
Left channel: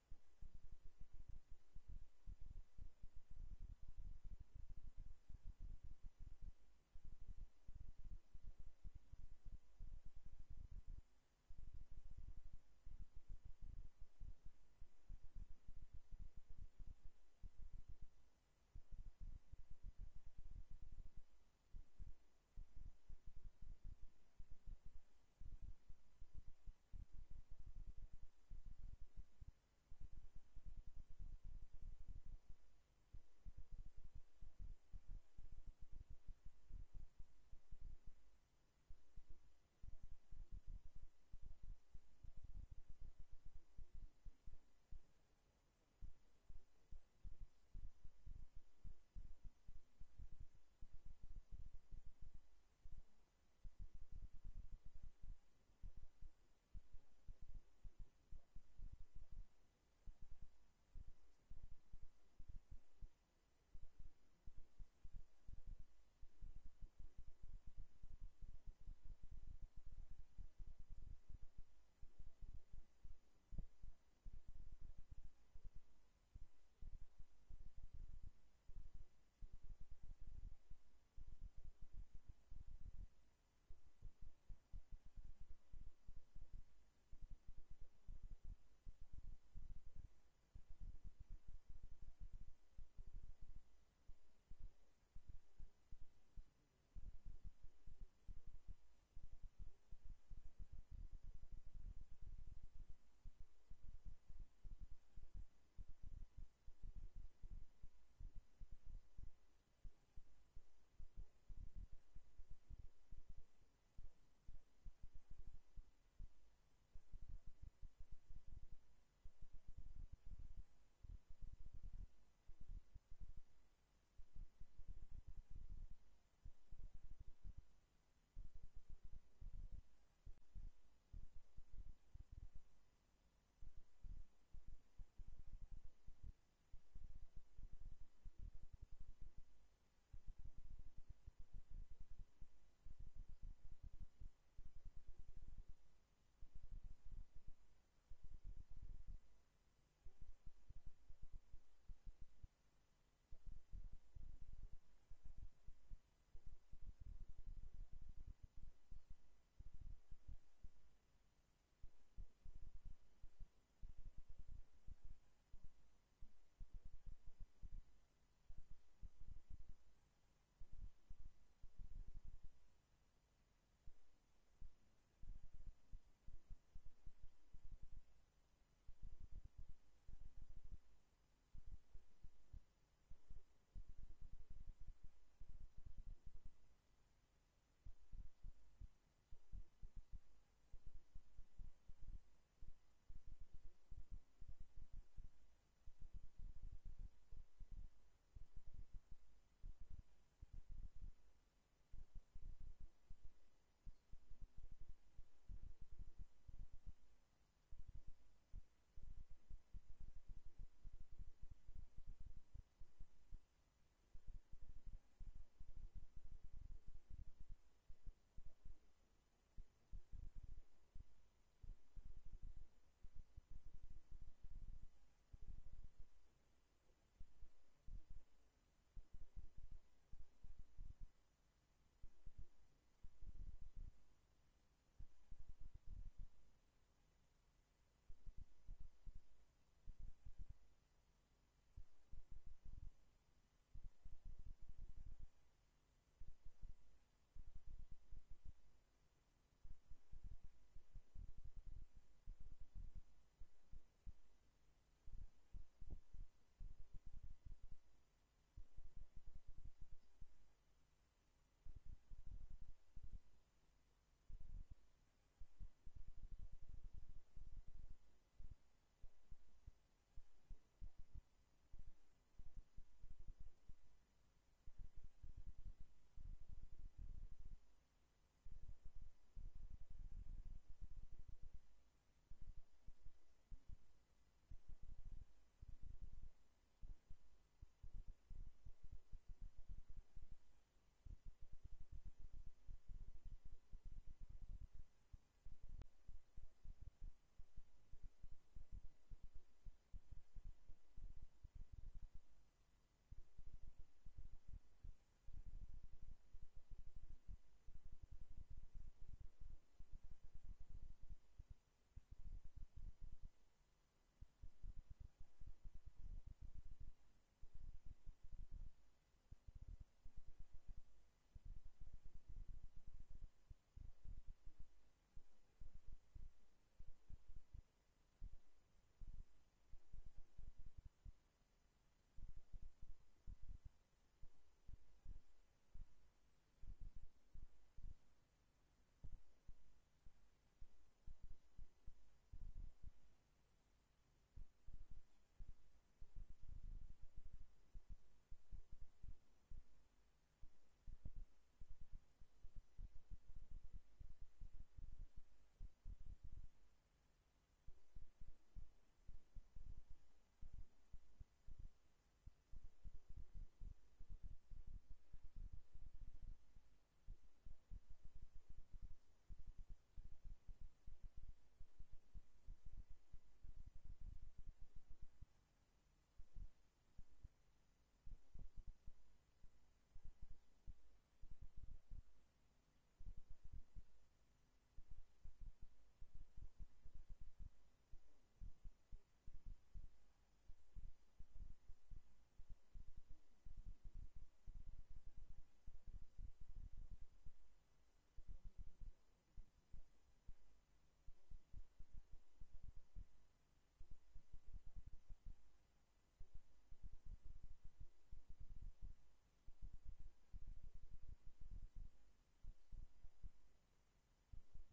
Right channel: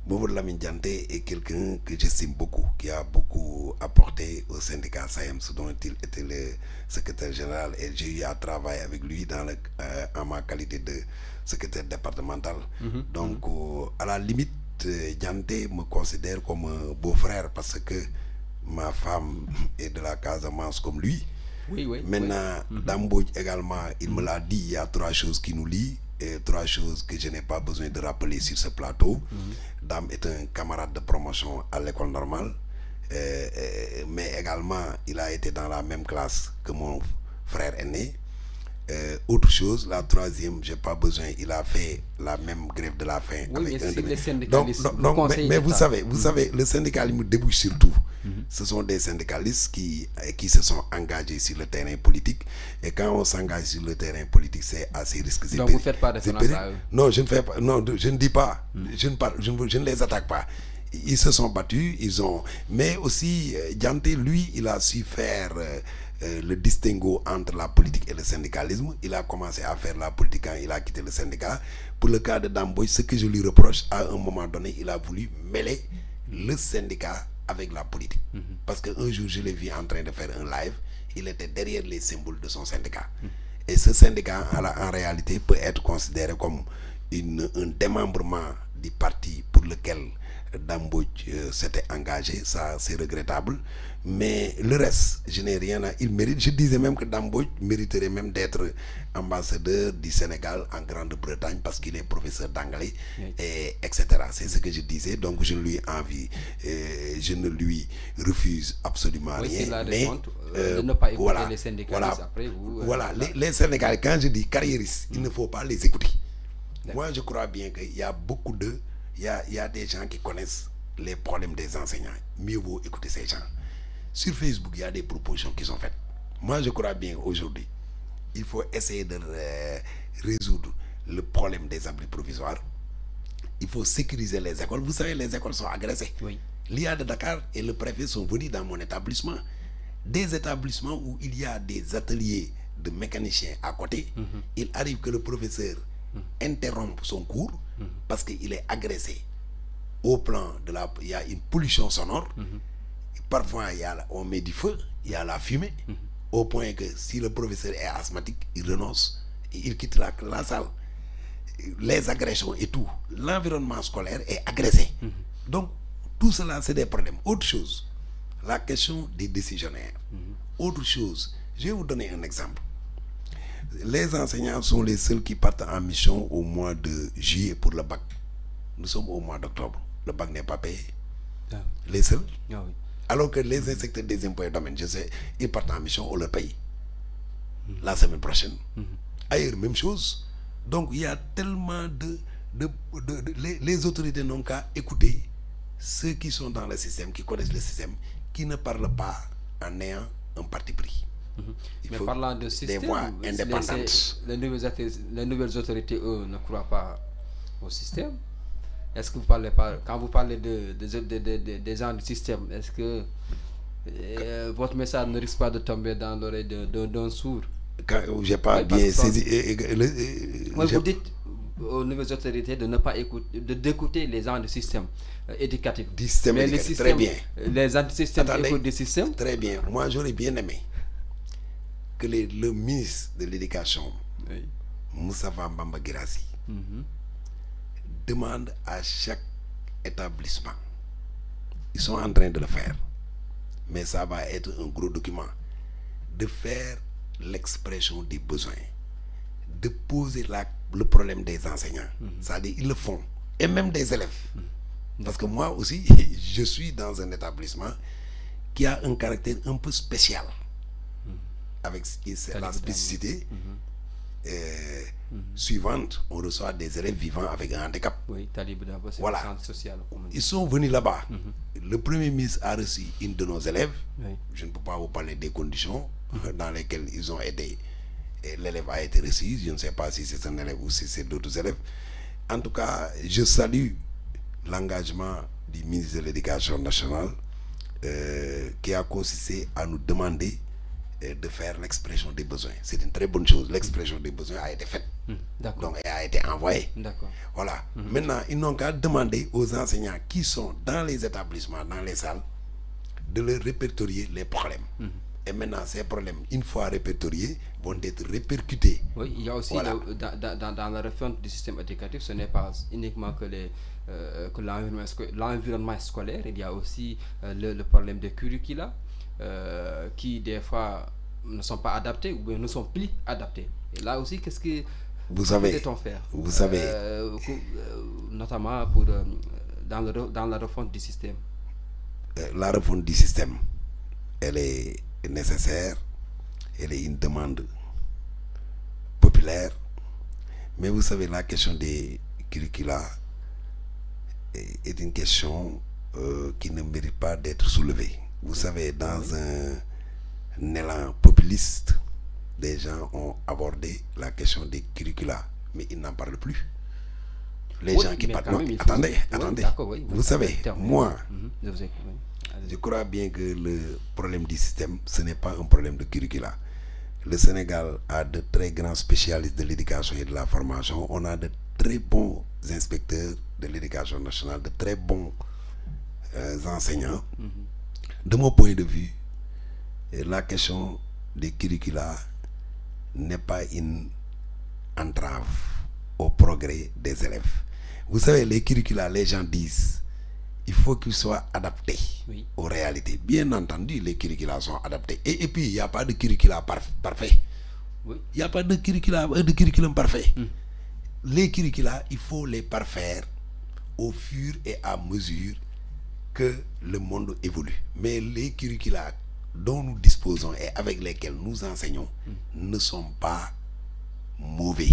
Moulamine Dianté est quelqu'un que j'estime beaucoup, qui a beaucoup apporté au syndicat SAEMS, dont il était le secrétaire général, et j'ai eu à travailler avec lui en ma qualité de secrétaire départemental. Donc, à la limite, Dianté me considère comme un beau-frère parce que ma femme est de la Casamance comme lui. Maintenant, Dambodj également, il me l'a dit, il y a 3 choses qui nous lient et 3 choses que je n'ai pas besoin de rappeler sur ce plateau. Dam est un camarade de promotion à l'école normale, mais également, il a été dans la même classe que mon frère aîné. Autre chose, la troisième, j'ai pas besoin, il a fait la même grève de la faim. Oui, avec mais les syndicalistes. Mais vous savez, le syndicalisme débouche sur tout. Ce sont des syndicalistes qui se sont engagés sur le terrain politique. Et quand on s'engage sur le terrain politique, c'est assez risqué. Donc vous ne faites pas référence à eux? Non, je ne fais pas. Non, je ne dis pas. Je ne les attaque pas. Ils se sont battus, mais aussi, Dianté, lui, il a su faire le distinguo entre la politique et le syndicalisme. Il a commencé à faire la politique quand il a quitté le syndicat. Pour le cas de Dambodj, ce que je lui reproche, à un moment donné, il a voulu mêler le syndicat avec la politique. Parce qu'un jour, je l'ai vu en train de faire un live, il était derrière les symboles de son syndicat. Et ce syndicat, en réalité, peut être considéré comme un démembrement du parti pour lequel Dambodj s'était engagé. Ça, c'est regrettable. Mais le reste, je n'ai rien à... Il mérite. Je disais même que Dambodj mériterait même d'être ambassadeur du Sénégal en Grande-Bretagne parce qu'il est professeur d'anglais, etc. C'est ce que je disais. Donc je ne lui envie, je ne lui refuse absolument rien. Mais de ne pas écouter les syndicalistes après vous. Les syndicalistes, quand je dis carriéristes, il ne faut pas les écouter. Moi, je crois bien qu'il y a beaucoup de... Il y a des gens qui connaissent les problèmes des enseignants. Mieux vaut écouter ces gens. Sur Facebook, il y a des propositions qui sont faites. Moi, je crois bien aujourd'hui, il faut essayer de résoudre le problème des abris provisoires. Il faut sécuriser les écoles. Vous savez, les écoles sont agressées. L'IA de Dakar et le préfet sont venus dans mon établissement des établissements où il y a des ateliers de mécaniciens à côté, il arrive que le professeur interrompe son cours parce qu'il est agressé au plan de la... Il y a une pollution sonore. Parfois, on met du feu, il y a la fumée, au point que si le professeur est asthmatique, il renonce, il quitte la salle. Les agressions et tout, l'environnement scolaire est agressé. Donc, tout cela, c'est des problèmes. Autre chose, la question des décisionnaires. Autre chose, je vais vous donner un exemple. Les enseignants sont les seuls qui partent en mission au mois de juillet pour le bac. Nous sommes au mois d'octobre. Le bac n'est pas payé. Les seuls. Alors que les inspecteurs des impôts et domaines, je sais, ils partent en mission, on leur paye. La semaine prochaine. Ailleurs, même chose. Donc, il y a tellement les autorités n'ont qu'à écouter ceux qui sont dans le système, qui connaissent le système, qui ne parlent pas en ayant un parti pris. Mais parlant de système, des voix indépendantes. Les nouvelles autorités, eux, ne croient pas au système. Est-ce que vous parlez pas, quand vous parlez des gens du système, est-ce que votre message ne risque pas de tomber dans l'oreille d'un sourd? J'ai pas bien saisi. Vous dites aux nouvelles autorités de ne pas écouter, d'écouter les gens du système éducatif. Mais le système, très bien. Les antisystèmes écoutent des systèmes. Très bien. Moi, j'aurais bien aimé que le ministre de l'Éducation, Moustapha Mbamba Guirassy, demande à chaque établissement. Ils sont en train de le faire. Mais ça va être un gros document. De faire l'expression des besoins. De poser le problème des enseignants. C'est-à-dire, ils le font. Et même des élèves. Parce que moi aussi, je suis dans un établissement qui a un caractère un peu spécial. Avec la spécificité suivante, on reçoit des élèves vivant avec un handicap. Oui, Talib d'abord, c'est voilà. le centre social. Ils sont venus là-bas. Le premier ministre a reçu une de nos élèves. Je ne peux pas vous parler des conditions dans lesquelles ils ont aidé. L'élève a été reçu. Je ne sais pas si c'est un élève ou si c'est d'autres élèves. En tout cas, je salue l'engagement du ministre de l'Éducation nationale qui a consisté à nous demander de faire l'expression des besoins. C'est une très bonne chose. L'expression des besoins a été faite. Donc, elle a été envoyée. Voilà. Maintenant, ils n'ont qu'à demander aux enseignants qui sont dans les établissements, dans les salles, de leur répertorier les problèmes. Et maintenant, ces problèmes, une fois répertoriés, vont être répercutés. Oui, il y a aussi, voilà. Dans la refonte du système éducatif, ce n'est pas uniquement que l'environnement scolaire, il y a aussi le problème des curricula qui, des fois, ne sont pas adaptés ou bien ne sont plus adaptés. Et là aussi, qu'est-ce que peut-on faire? Vous savez, notamment dans la refonte du système. La refonte du système, elle est nécessaire, elle est une demande populaire, mais vous savez, la question des curricula est une question qui ne mérite pas d'être soulevée. Vous savez, dans un élan populiste, des gens ont abordé la question des curricula, mais ils n'en parlent plus. Les gens qui parlent... Attendez. Oui, vous savez, moi, je crois bien que le problème du système, ce n'est pas un problème de curricula. Le Sénégal a de très grands spécialistes de l'éducation et de la formation. On a de très bons inspecteurs de l'éducation nationale, de très bons enseignants. De mon point de vue, la question des curricula n'est pas une entrave au progrès des élèves. Vous savez, les curricula, les gens disent, il faut qu'ils soient adaptés aux réalités. Bien entendu, les curricula sont adaptés. Et puis, il n'y a pas de curricula parfait. Il n'y a pas de curriculum parfait. Les curricula, il faut les parfaire au fur et à mesure que le monde évolue. Mais les curricula dont nous disposons et avec lesquels nous enseignons ne sont pas mauvais.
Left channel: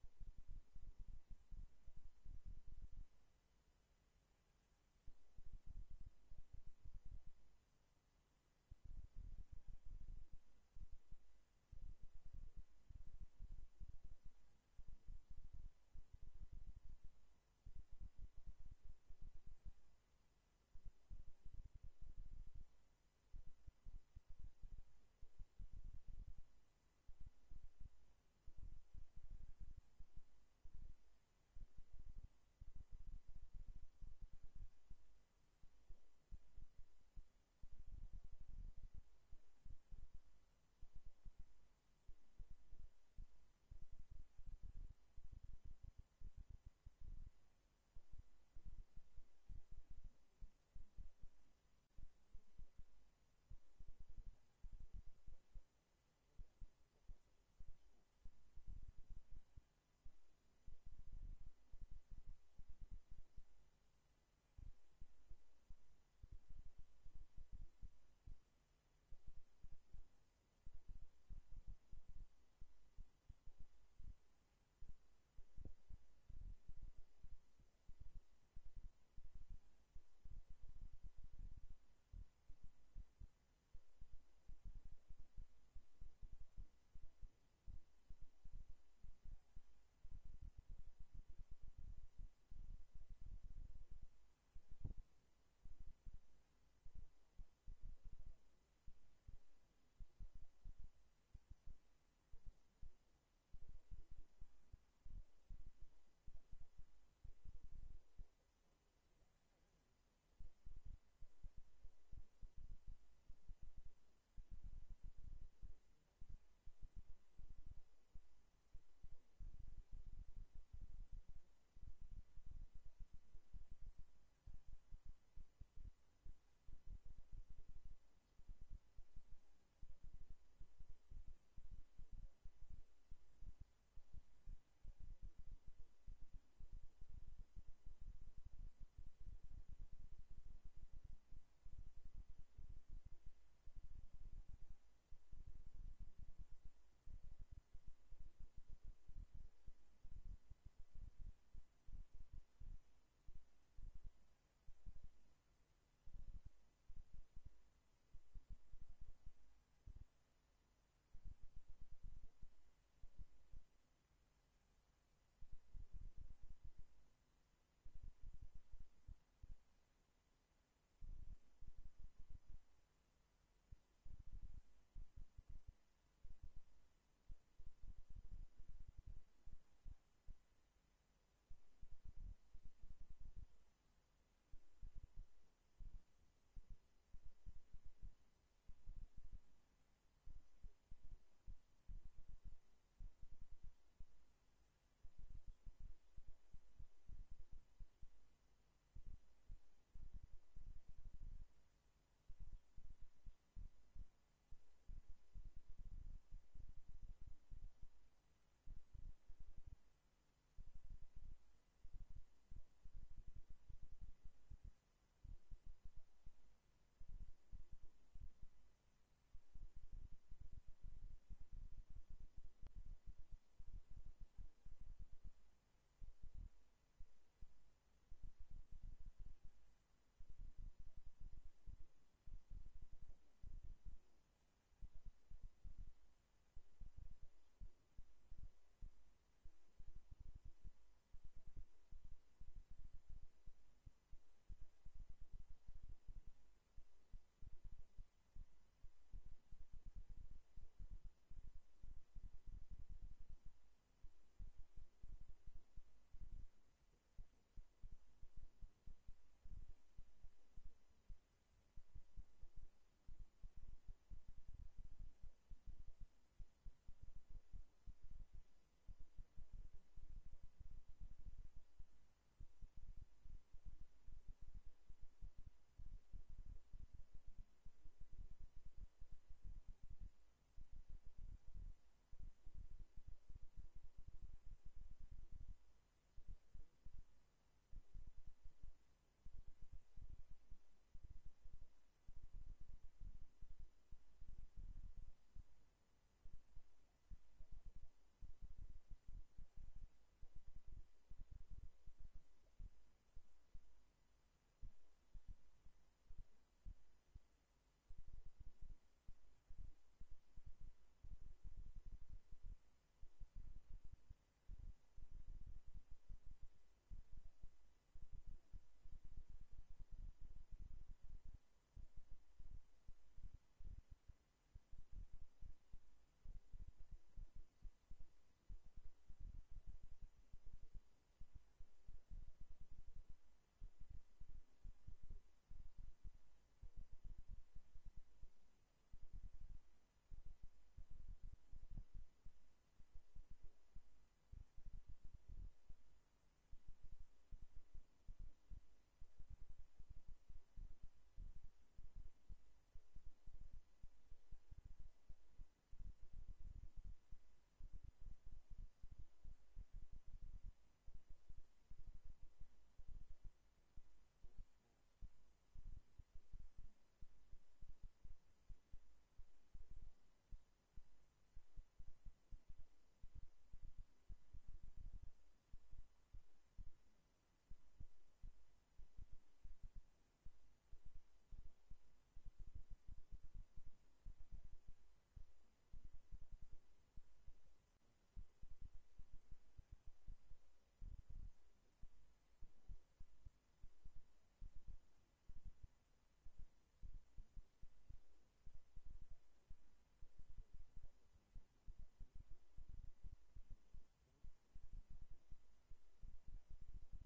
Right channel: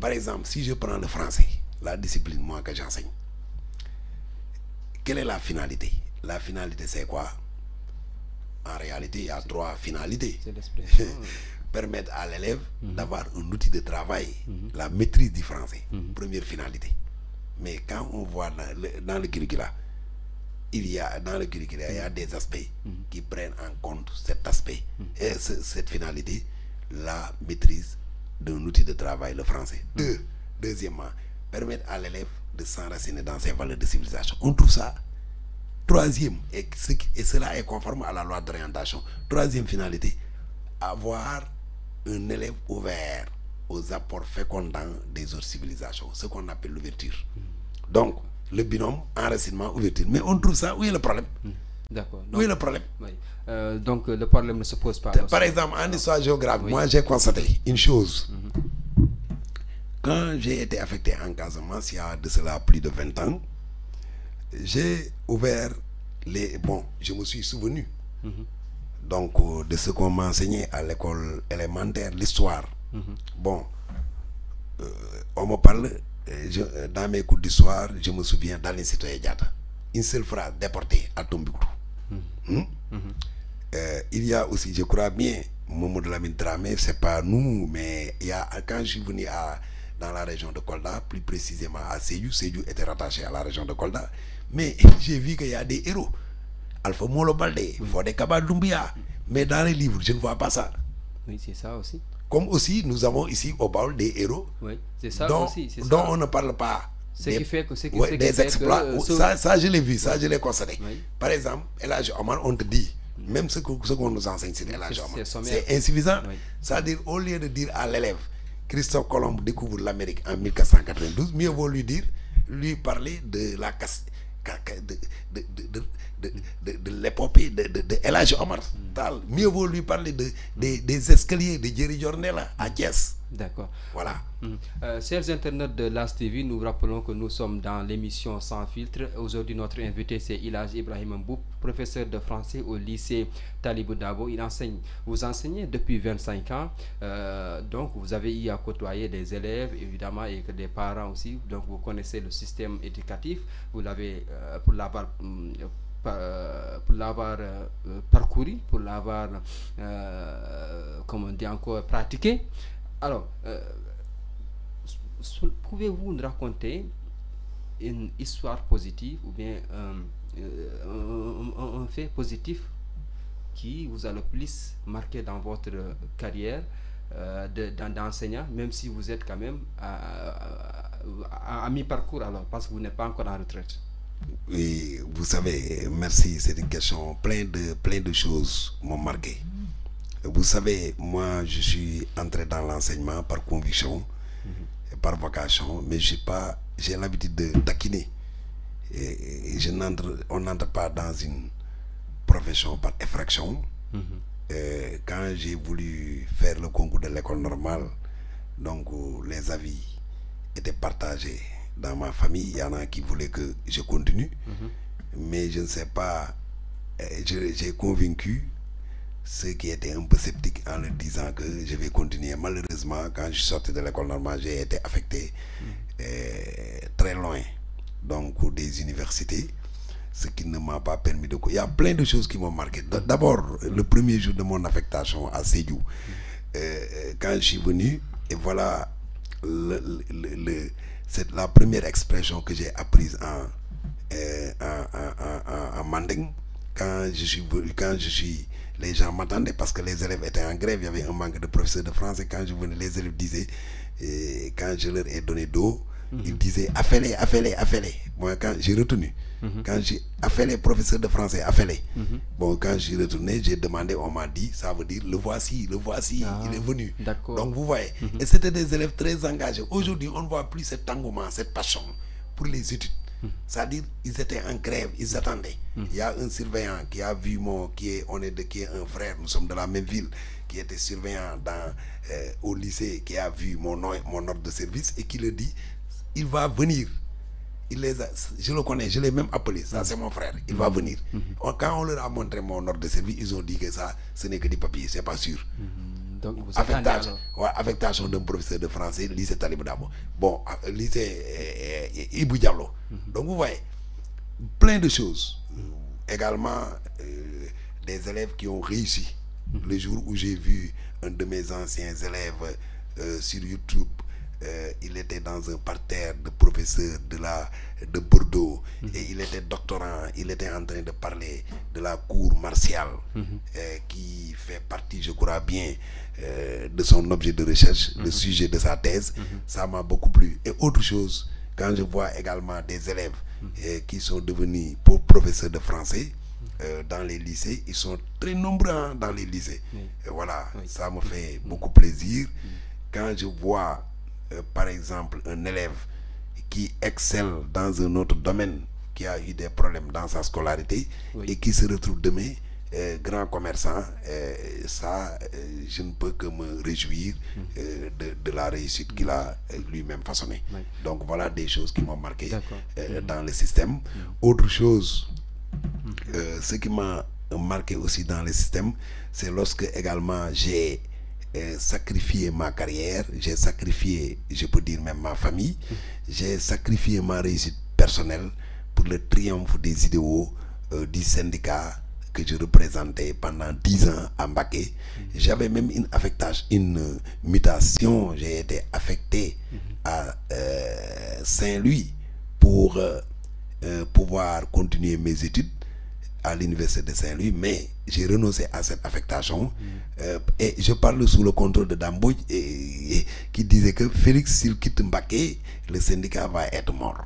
Par exemple, si je prends le français, la discipline, moi, que j'enseigne, quelle est la finalité? La finalité, c'est quoi? En réalité, il y a trois finalités. Permettre à l'élève d'avoir un outil de travail, la maîtrise du français, première finalité. Mais quand on voit dans le curricula, il y a dans le curriculum, il y a des aspects qui prennent en compte cet aspect et cette finalité, la maîtrise d'un outil de travail, le français. Deuxièmement, permettre à l'élève de s'enraciner dans ses valeurs de civilisation. On trouve ça. Troisième, et cela est conforme à la loi d'orientation. Troisième finalité, avoir un élève ouvert aux apports fécondants des autres civilisations, ce qu'on appelle l'ouverture. Donc, le binôme enracinement-ouverture. Mais on trouve ça, où est le problème? D'accord. Où est le problème? Oui. Donc, le problème ne se pose pas. Par exemple, en histoire géographique, moi j'ai constaté une chose. Quand j'ai été affecté en Casamance, il y a de cela plus de 20 ans, j'ai ouvert les... Bon, je me suis souvenu donc de ce qu'on m'a enseigné à l'école élémentaire, l'histoire. Bon, on me parle, dans mes cours d'histoire, je me souviens d'Aline Sitoé Diatta. Une seule phrase, déporté à Tombouctou. Il y a aussi, je crois bien, Mamadou Lamine Dramé, c'est pas nous, mais il y a, quand je suis venu dans la région de Kolda, plus précisément à Sédhiou, Sédhiou était rattaché à la région de Kolda, mais j'ai vu qu'il y a des héros. Alpha Molo Baldé, Fodé Kaba Doumbia, mais dans les livres, je ne vois pas ça. Oui, c'est ça aussi. Comme aussi, nous avons ici au Baol des héros oui, c'est ça dont, aussi, c'est dont ça. on ne parle pas. Ce qui fait que... des exploits, ça je l'ai vu, ça je l'ai constaté. Oui. Par exemple, El Hadji Omar, on te dit, même ce qu'on nous enseigne, c'est El Hadji Omar. C'est insuffisant. Oui. C'est-à-dire, au lieu de dire à l'élève, Christophe Colomb découvre l'Amérique en 1492, mieux vaut lui parler de la casse, de l'épopée de El Hadji Omar Tall. Mieux vaut lui parler des escaliers de Jerry Jornella à Thiès. D'accord. Voilà. Chers internautes de l'As TV, nous rappelons que nous sommes dans l'émission Sans Filtre. Aujourd'hui, notre invité, c'est El Hadji Ibrahima Mboup, professeur de français au lycée Talibou Dabo. Vous enseignez depuis 25 ans. Donc, vous avez eu à côtoyer des élèves, évidemment, et des parents aussi. Donc, vous connaissez le système éducatif. Vous l'avez, pour l'avoir parcouru, pour l'avoir, comme on dit encore, pratiqué. Alors, pouvez-vous nous raconter une histoire positive ou bien un fait positif qui vous a le plus marqué dans votre carrière d'enseignant, même si vous êtes quand même à mi-parcours alors, parce que vous n'êtes pas encore en retraite? Oui, vous savez, merci, c'est une question plein de choses m'ont marqué. Vous savez, moi je suis entré dans l'enseignement par conviction, par vocation, mais j'ai l'habitude de taquiner. Et on n'entre pas dans une profession par effraction. Quand j'ai voulu faire le concours de l'école normale, donc les avis étaient partagés dans ma famille. Il y en a qui voulaient que je continue, mais je ne sais pas, j'ai convaincu ceux qui étaient un peu sceptiques en leur disant que je vais continuer. Malheureusement, quand je suis sorti de l'école normale, j'ai été affecté très loin, donc des universités, ce qui ne m'a pas permis de... Il y a plein de choses qui m'ont marqué. D'abord, le premier jour de mon affectation à Sédhiou, quand je suis venu, et voilà c'est la première expression que j'ai apprise en manding. Quand je suis les gens m'attendaient parce que les élèves étaient en grève, il y avait un manque de professeurs de français. Quand je venais, les élèves disaient, quand je leur ai donné d'eau, ils disaient affêlez. Moi, quand j'ai retenu, quand j'ai affêlé professeur de français, affêlé. Bon, quand j'ai retourné, j'ai demandé, on m'a dit, ça veut dire le voici, il est venu. Donc vous voyez, et c'était des élèves très engagés. Aujourd'hui, on ne voit plus cet engouement, cette passion pour les études. C'est-à-dire, ils étaient en grève, ils attendaient. Il y a un surveillant qui a vu qui est un frère, nous sommes de la même ville, qui était surveillant au lycée, qui a vu mon ordre de service et qui le dit, il va venir. Je le connais, je l'ai même appelé, ça c'est mon frère, il va venir. Quand on leur a montré mon ordre de service, ils ont dit que ça, ce n'est que des papiers, c'est pas sûr. Donc vous affectation d'un professeur de français, lycée Talibou Dabo. Bon, lycée Ibou Diallo. Donc vous voyez, plein de choses. Également, des élèves qui ont réussi. Le jour où j'ai vu un de mes anciens élèves sur YouTube il était dans un parterre de professeurs de Bordeaux, et il était doctorant, il était en train de parler de la cour martiale, qui fait partie, je crois bien, de son objet de recherche, le sujet de sa thèse. Ça m'a beaucoup plu. Et autre chose, quand je vois également des élèves qui sont devenus professeurs de français dans les lycées, ils sont très nombreux dans les lycées. Et voilà, ça me fait beaucoup plaisir. Quand je vois, par exemple, un élève qui excelle dans un autre domaine, qui a eu des problèmes dans sa scolarité, et qui se retrouve demain grand commerçant, ça, je ne peux que me réjouir de la réussite qu'il a lui-même façonnée. Donc voilà des choses qui m'ont marqué dans le système. Autre chose, ce qui m'a marqué aussi dans le système, c'est lorsque également j'ai sacrifié ma carrière, j'ai sacrifié, je peux dire même ma famille, j'ai sacrifié ma réussite personnelle pour le triomphe des idéaux du syndicat que je représentais pendant 10 ans à Mbacké. J'avais même une mutation, j'ai été affecté à Saint-Louis pour pouvoir continuer mes études à l'université de Saint-Louis, mais j'ai renoncé à cette affectation. Et je parle sous le contrôle de Dambouj, qui disait que Félix, s'il quitte Mbacké, le syndicat va être mort.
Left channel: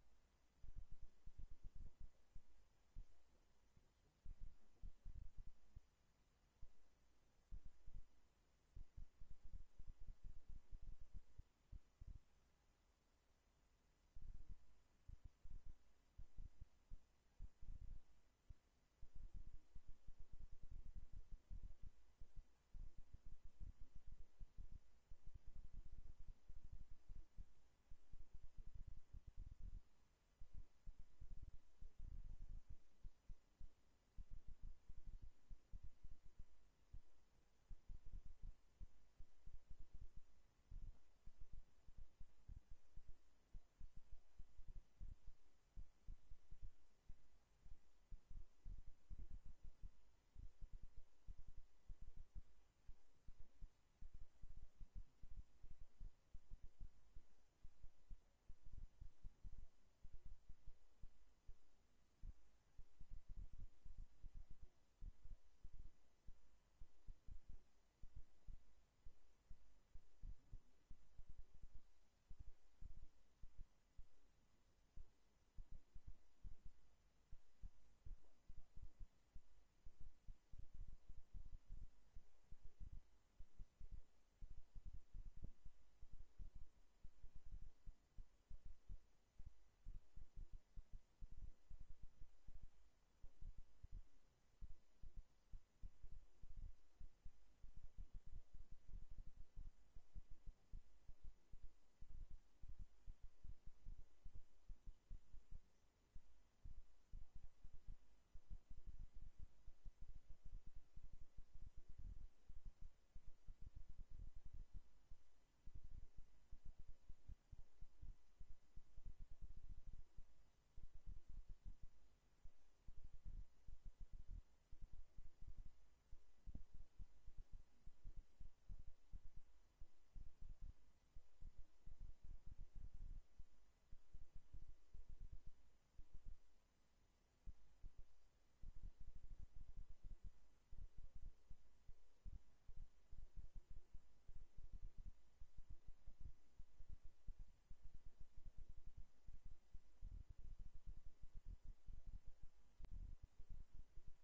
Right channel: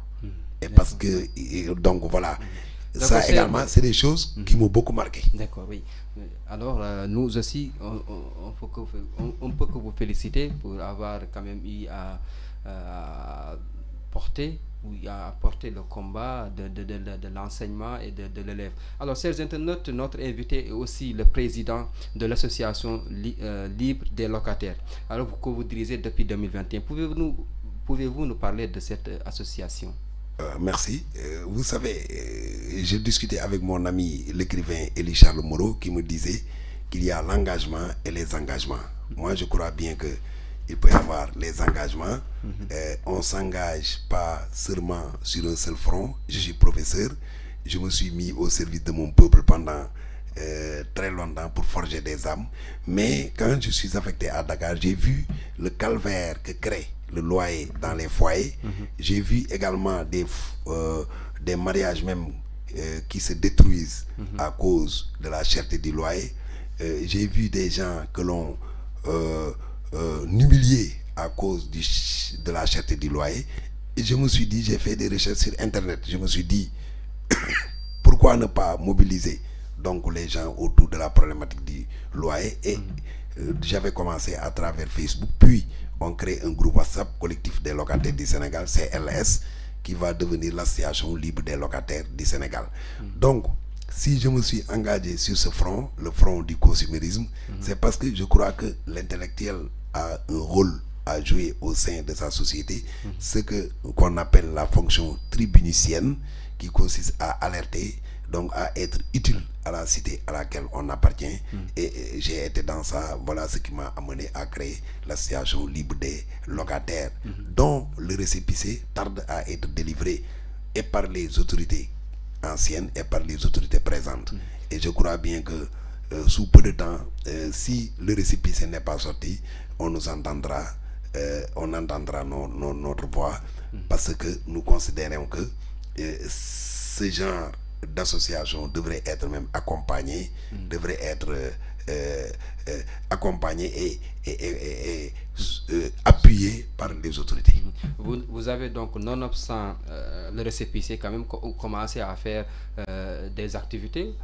Et parce que, donc voilà, ça également, c'est des choses qui m'ont beaucoup marqué. D'accord, oui. Alors, nous aussi, on peut que vous féliciter pour avoir quand même eu à porter le combat de l'enseignement et de l'élève. Alors, chers internautes, notre invité est aussi le président de l'association Libre des locataires. Alors, que vous dirigez depuis 2021, pouvez-vous nous parler de cette association? Merci. Vous savez, j'ai discuté avec mon ami l'écrivain Élie Charles Moreau, qui me disait qu'il y a l'engagement et les engagements. Moi, je crois bien que il peut y avoir les engagements. On ne s'engage pas seulement sur un seul front. Je suis professeur. Je me suis mis au service de mon peuple pendant très longtemps pour forger des âmes. Mais quand je suis affecté à Dakar, j'ai vu le calvaire que crée le loyer dans les foyers. J'ai vu également des mariages même qui se détruisent à cause de la cherté du loyer. J'ai vu des gens que l'on humilié à cause de la cherté du loyer. Et je me suis dit, j'ai fait des recherches sur Internet, je me suis dit, pourquoi ne pas mobiliser donc les gens autour de la problématique du loyer. Et j'avais commencé à travers Facebook, puis on crée un groupe WhatsApp, collectif des locataires du Sénégal, CLS, qui va devenir l'association libre des locataires du Sénégal. Donc, si je me suis engagé sur ce front, le front du consumérisme, c'est parce que je crois que l'intellectuel a un rôle à jouer au sein de sa société, ce qu'on appelle la fonction tribunicienne, qui consiste à alerter, donc à être utile à la cité à laquelle on appartient. Et j'ai été dans ça. Voilà ce qui m'a amené à créer l'association libre des locataires, dont le récépissé tarde à être délivré, et par les autorités anciennes et par les autorités présentes. Et je crois bien que sous peu de temps, si le récépissé n'est pas sorti, on nous entendra, on entendra notre voix, parce que nous considérons que ce genre d'association devrait être même accompagné, devrait être accompagné et appuyé par les autorités. Vous avez donc, nonobstant le récépissé, quand même commencé à faire des activités.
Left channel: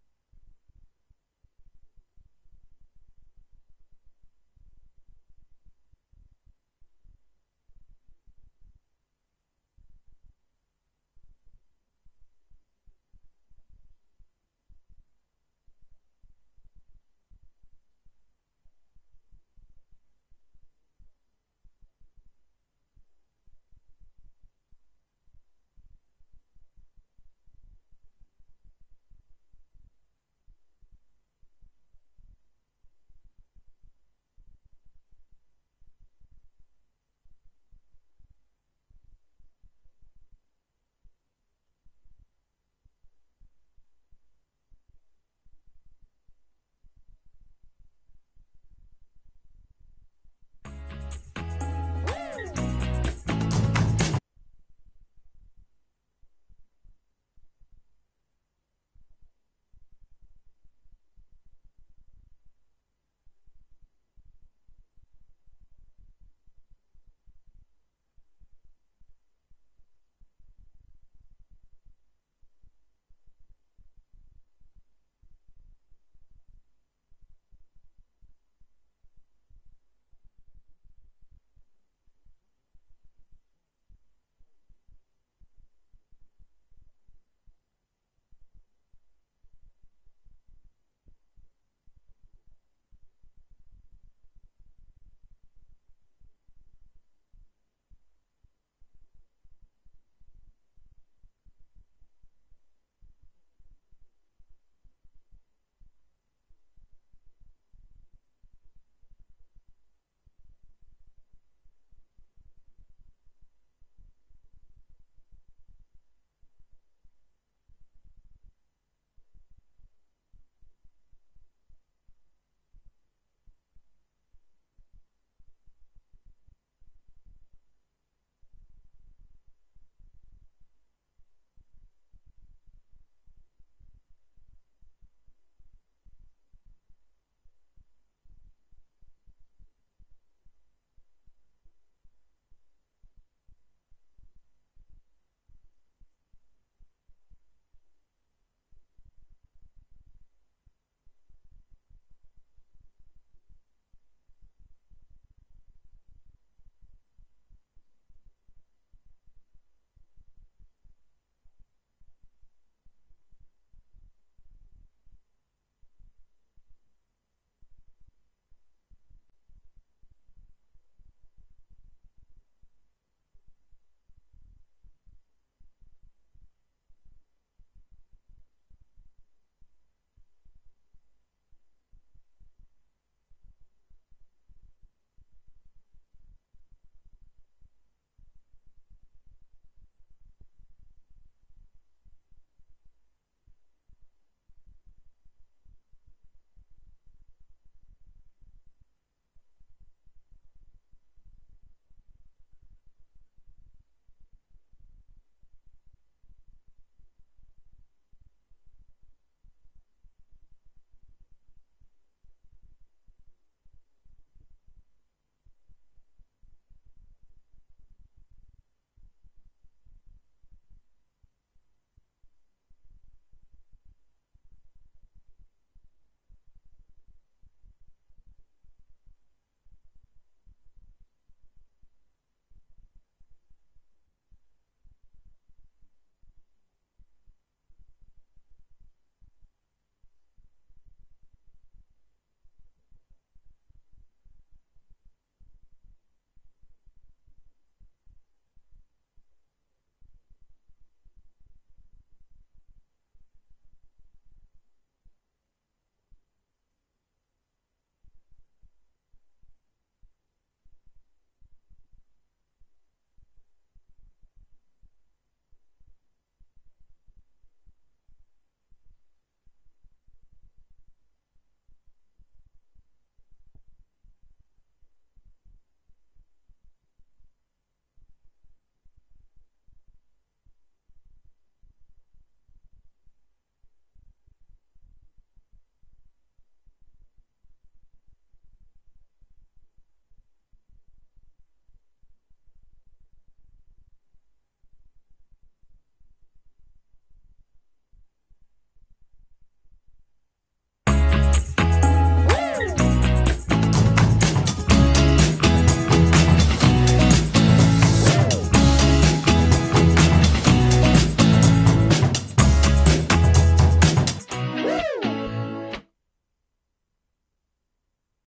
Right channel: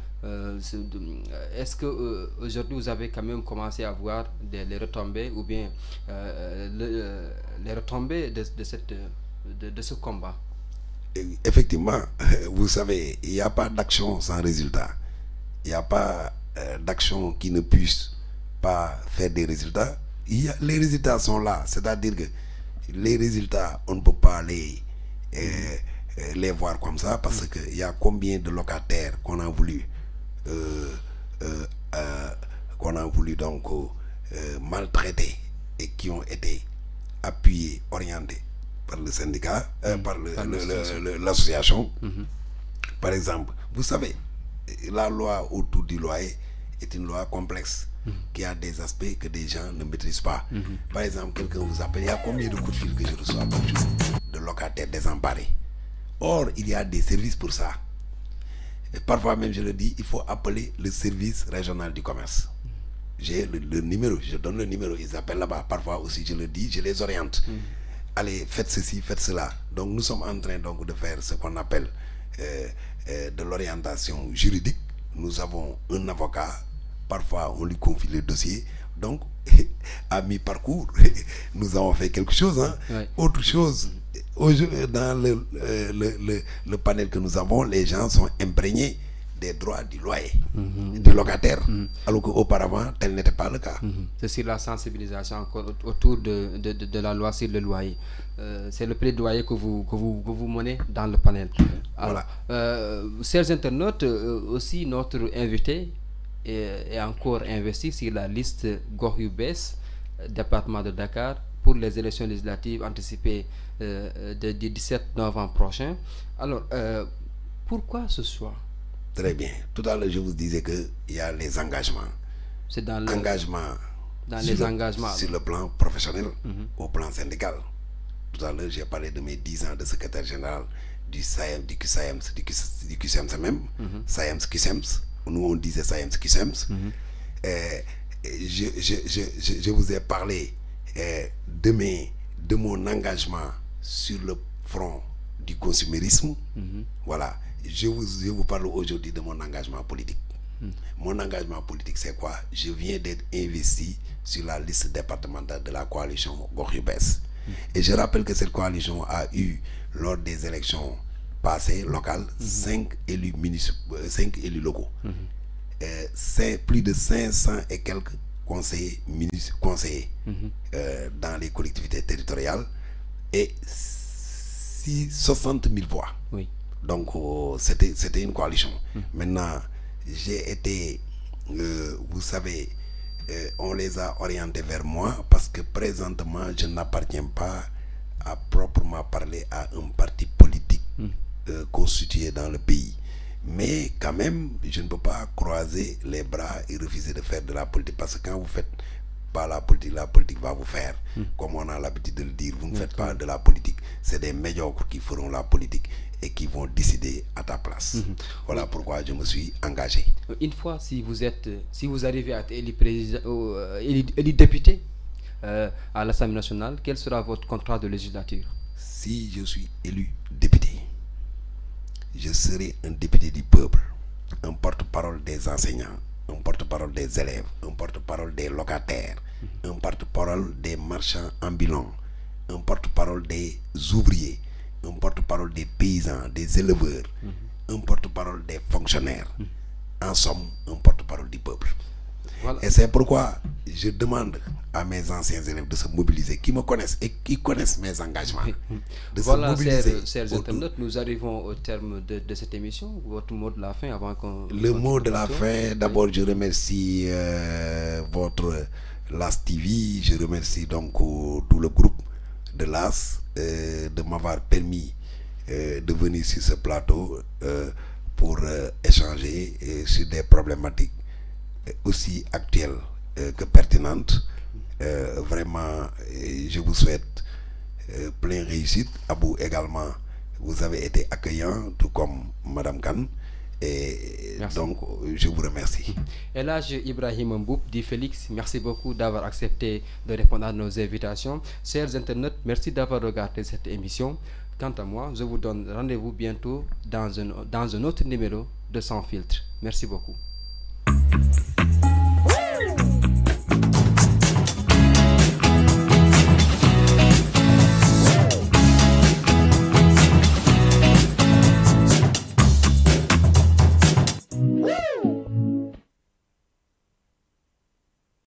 Est-ce que aujourd'hui vous avez quand même commencé à voir les retombées, ou bien les retombées de ce combat? Effectivement, vous savez, il n'y a pas d'action sans résultat. Il n'y a pas d'action qui ne puisse pas faire des résultats. Les résultats sont là. C'est-à-dire que les résultats, on ne peut pas les voir comme ça, parce qu'il y a combien de locataires qu'on a voulu donc maltraiter, et qui ont été appuyés, orientés par le syndicat, par l'association. Par exemple, vous savez, la loi autour du loyer est une loi complexe qui a des aspects que des gens ne maîtrisent pas. Par exemple, quelqu'un vous appelle, il y a combien de coups de fil que je reçois de locataires désemparés? Or, il y a des services pour ça. Et parfois même, je le dis, il faut appeler le service régional du commerce. J'ai le numéro, je donne le numéro, ils appellent là-bas. Parfois aussi, je le dis, je les oriente. Allez, faites ceci, faites cela. Donc, nous sommes en train donc de faire ce qu'on appelle de l'orientation juridique. Nous avons un avocat. Parfois, on lui confie le dossier. Donc, à mi-parcours, nous avons fait quelque chose. Hein. Ouais. Autre chose, dans le panel que nous avons, les gens sont imprégnés des droits du loyer, du locataire, alors qu'auparavant, tel n'était pas le cas. C'est sur la sensibilisation encore autour de la loi sur le loyer. C'est le plaidoyer que vous menez dans le panel. Alors, voilà. Chers internautes, aussi notre invité est encore investi sur la liste Gox Yu Bess, département de Dakar, pour les élections législatives anticipées du 17 novembre prochain. Alors, pourquoi ce choix? Très bien. Tout à l'heure, je vous disais qu'il y a les engagements. C'est dans les engagements sur le plan professionnel, au plan syndical. Tout à l'heure, j'ai parlé de mes 10 ans de secrétaire général du SAEMS, du QSEMS même, SAEMS, QSEMS. Nous, on disait SAEMS, QSEMS. Je vous ai parlé de mon engagement sur le front du consumérisme. Voilà. Je vous parle aujourd'hui de mon engagement politique. Mon engagement politique, c'est quoi? Je viens d'être investi sur la liste départementale de la coalition Gox Yu Bess. Et je rappelle que cette coalition a eu, lors des élections passées locales, 5 élus locaux. Plus de 500 et quelques conseillers dans les collectivités territoriales et 60 000 voix. Oui. Donc, c'était une coalition. Maintenant, j'ai été, vous savez, on les a orientés vers moi parce que présentement, je n'appartiens pas à proprement parler à un parti politique constitué dans le pays. Mais quand même, je ne peux pas croiser les bras et refuser de faire de la politique parce que quand vous faites pas la politique va vous faire. Comme on a l'habitude de le dire, vous ne faites pas de la politique. C'est des médiocres qui feront la politique et qui vont décider à ta place. Voilà pourquoi je me suis engagé. Une fois, si vous arrivez à être élu député à l'Assemblée nationale, quel sera votre contrat de législature? Si je suis élu député, je serai un député du peuple, un porte-parole des enseignants, un porte-parole des élèves, un porte-parole des locataires, un porte-parole des marchands ambulants, un porte-parole des ouvriers, un porte-parole des paysans, des éleveurs, un porte-parole des fonctionnaires. En somme, un porte-parole du peuple. Voilà. Et c'est pourquoi je demande à mes anciens élèves de se mobiliser, qui me connaissent et qui connaissent mes engagements. De voilà, se mobiliser. Chers internautes, nous arrivons au terme de cette émission. Votre mot de la fin avant qu'on... Le mot de la fin, d'abord je remercie votre LAS TV, je remercie donc tout le groupe de LAS de m'avoir permis de venir sur ce plateau pour échanger sur des problématiques aussi actuelles que pertinentes. Vraiment, je vous souhaite plein réussite. À vous également, vous avez été accueillant, tout comme Madame Kane. Et merci. Donc, je vous remercie. Et là, Ibrahim Mboup dit Félix, merci beaucoup d'avoir accepté de répondre à nos invitations. Chers internautes, merci d'avoir regardé cette émission. Quant à moi, je vous donne rendez-vous bientôt dans un autre numéro de Sans Filtre. Merci beaucoup.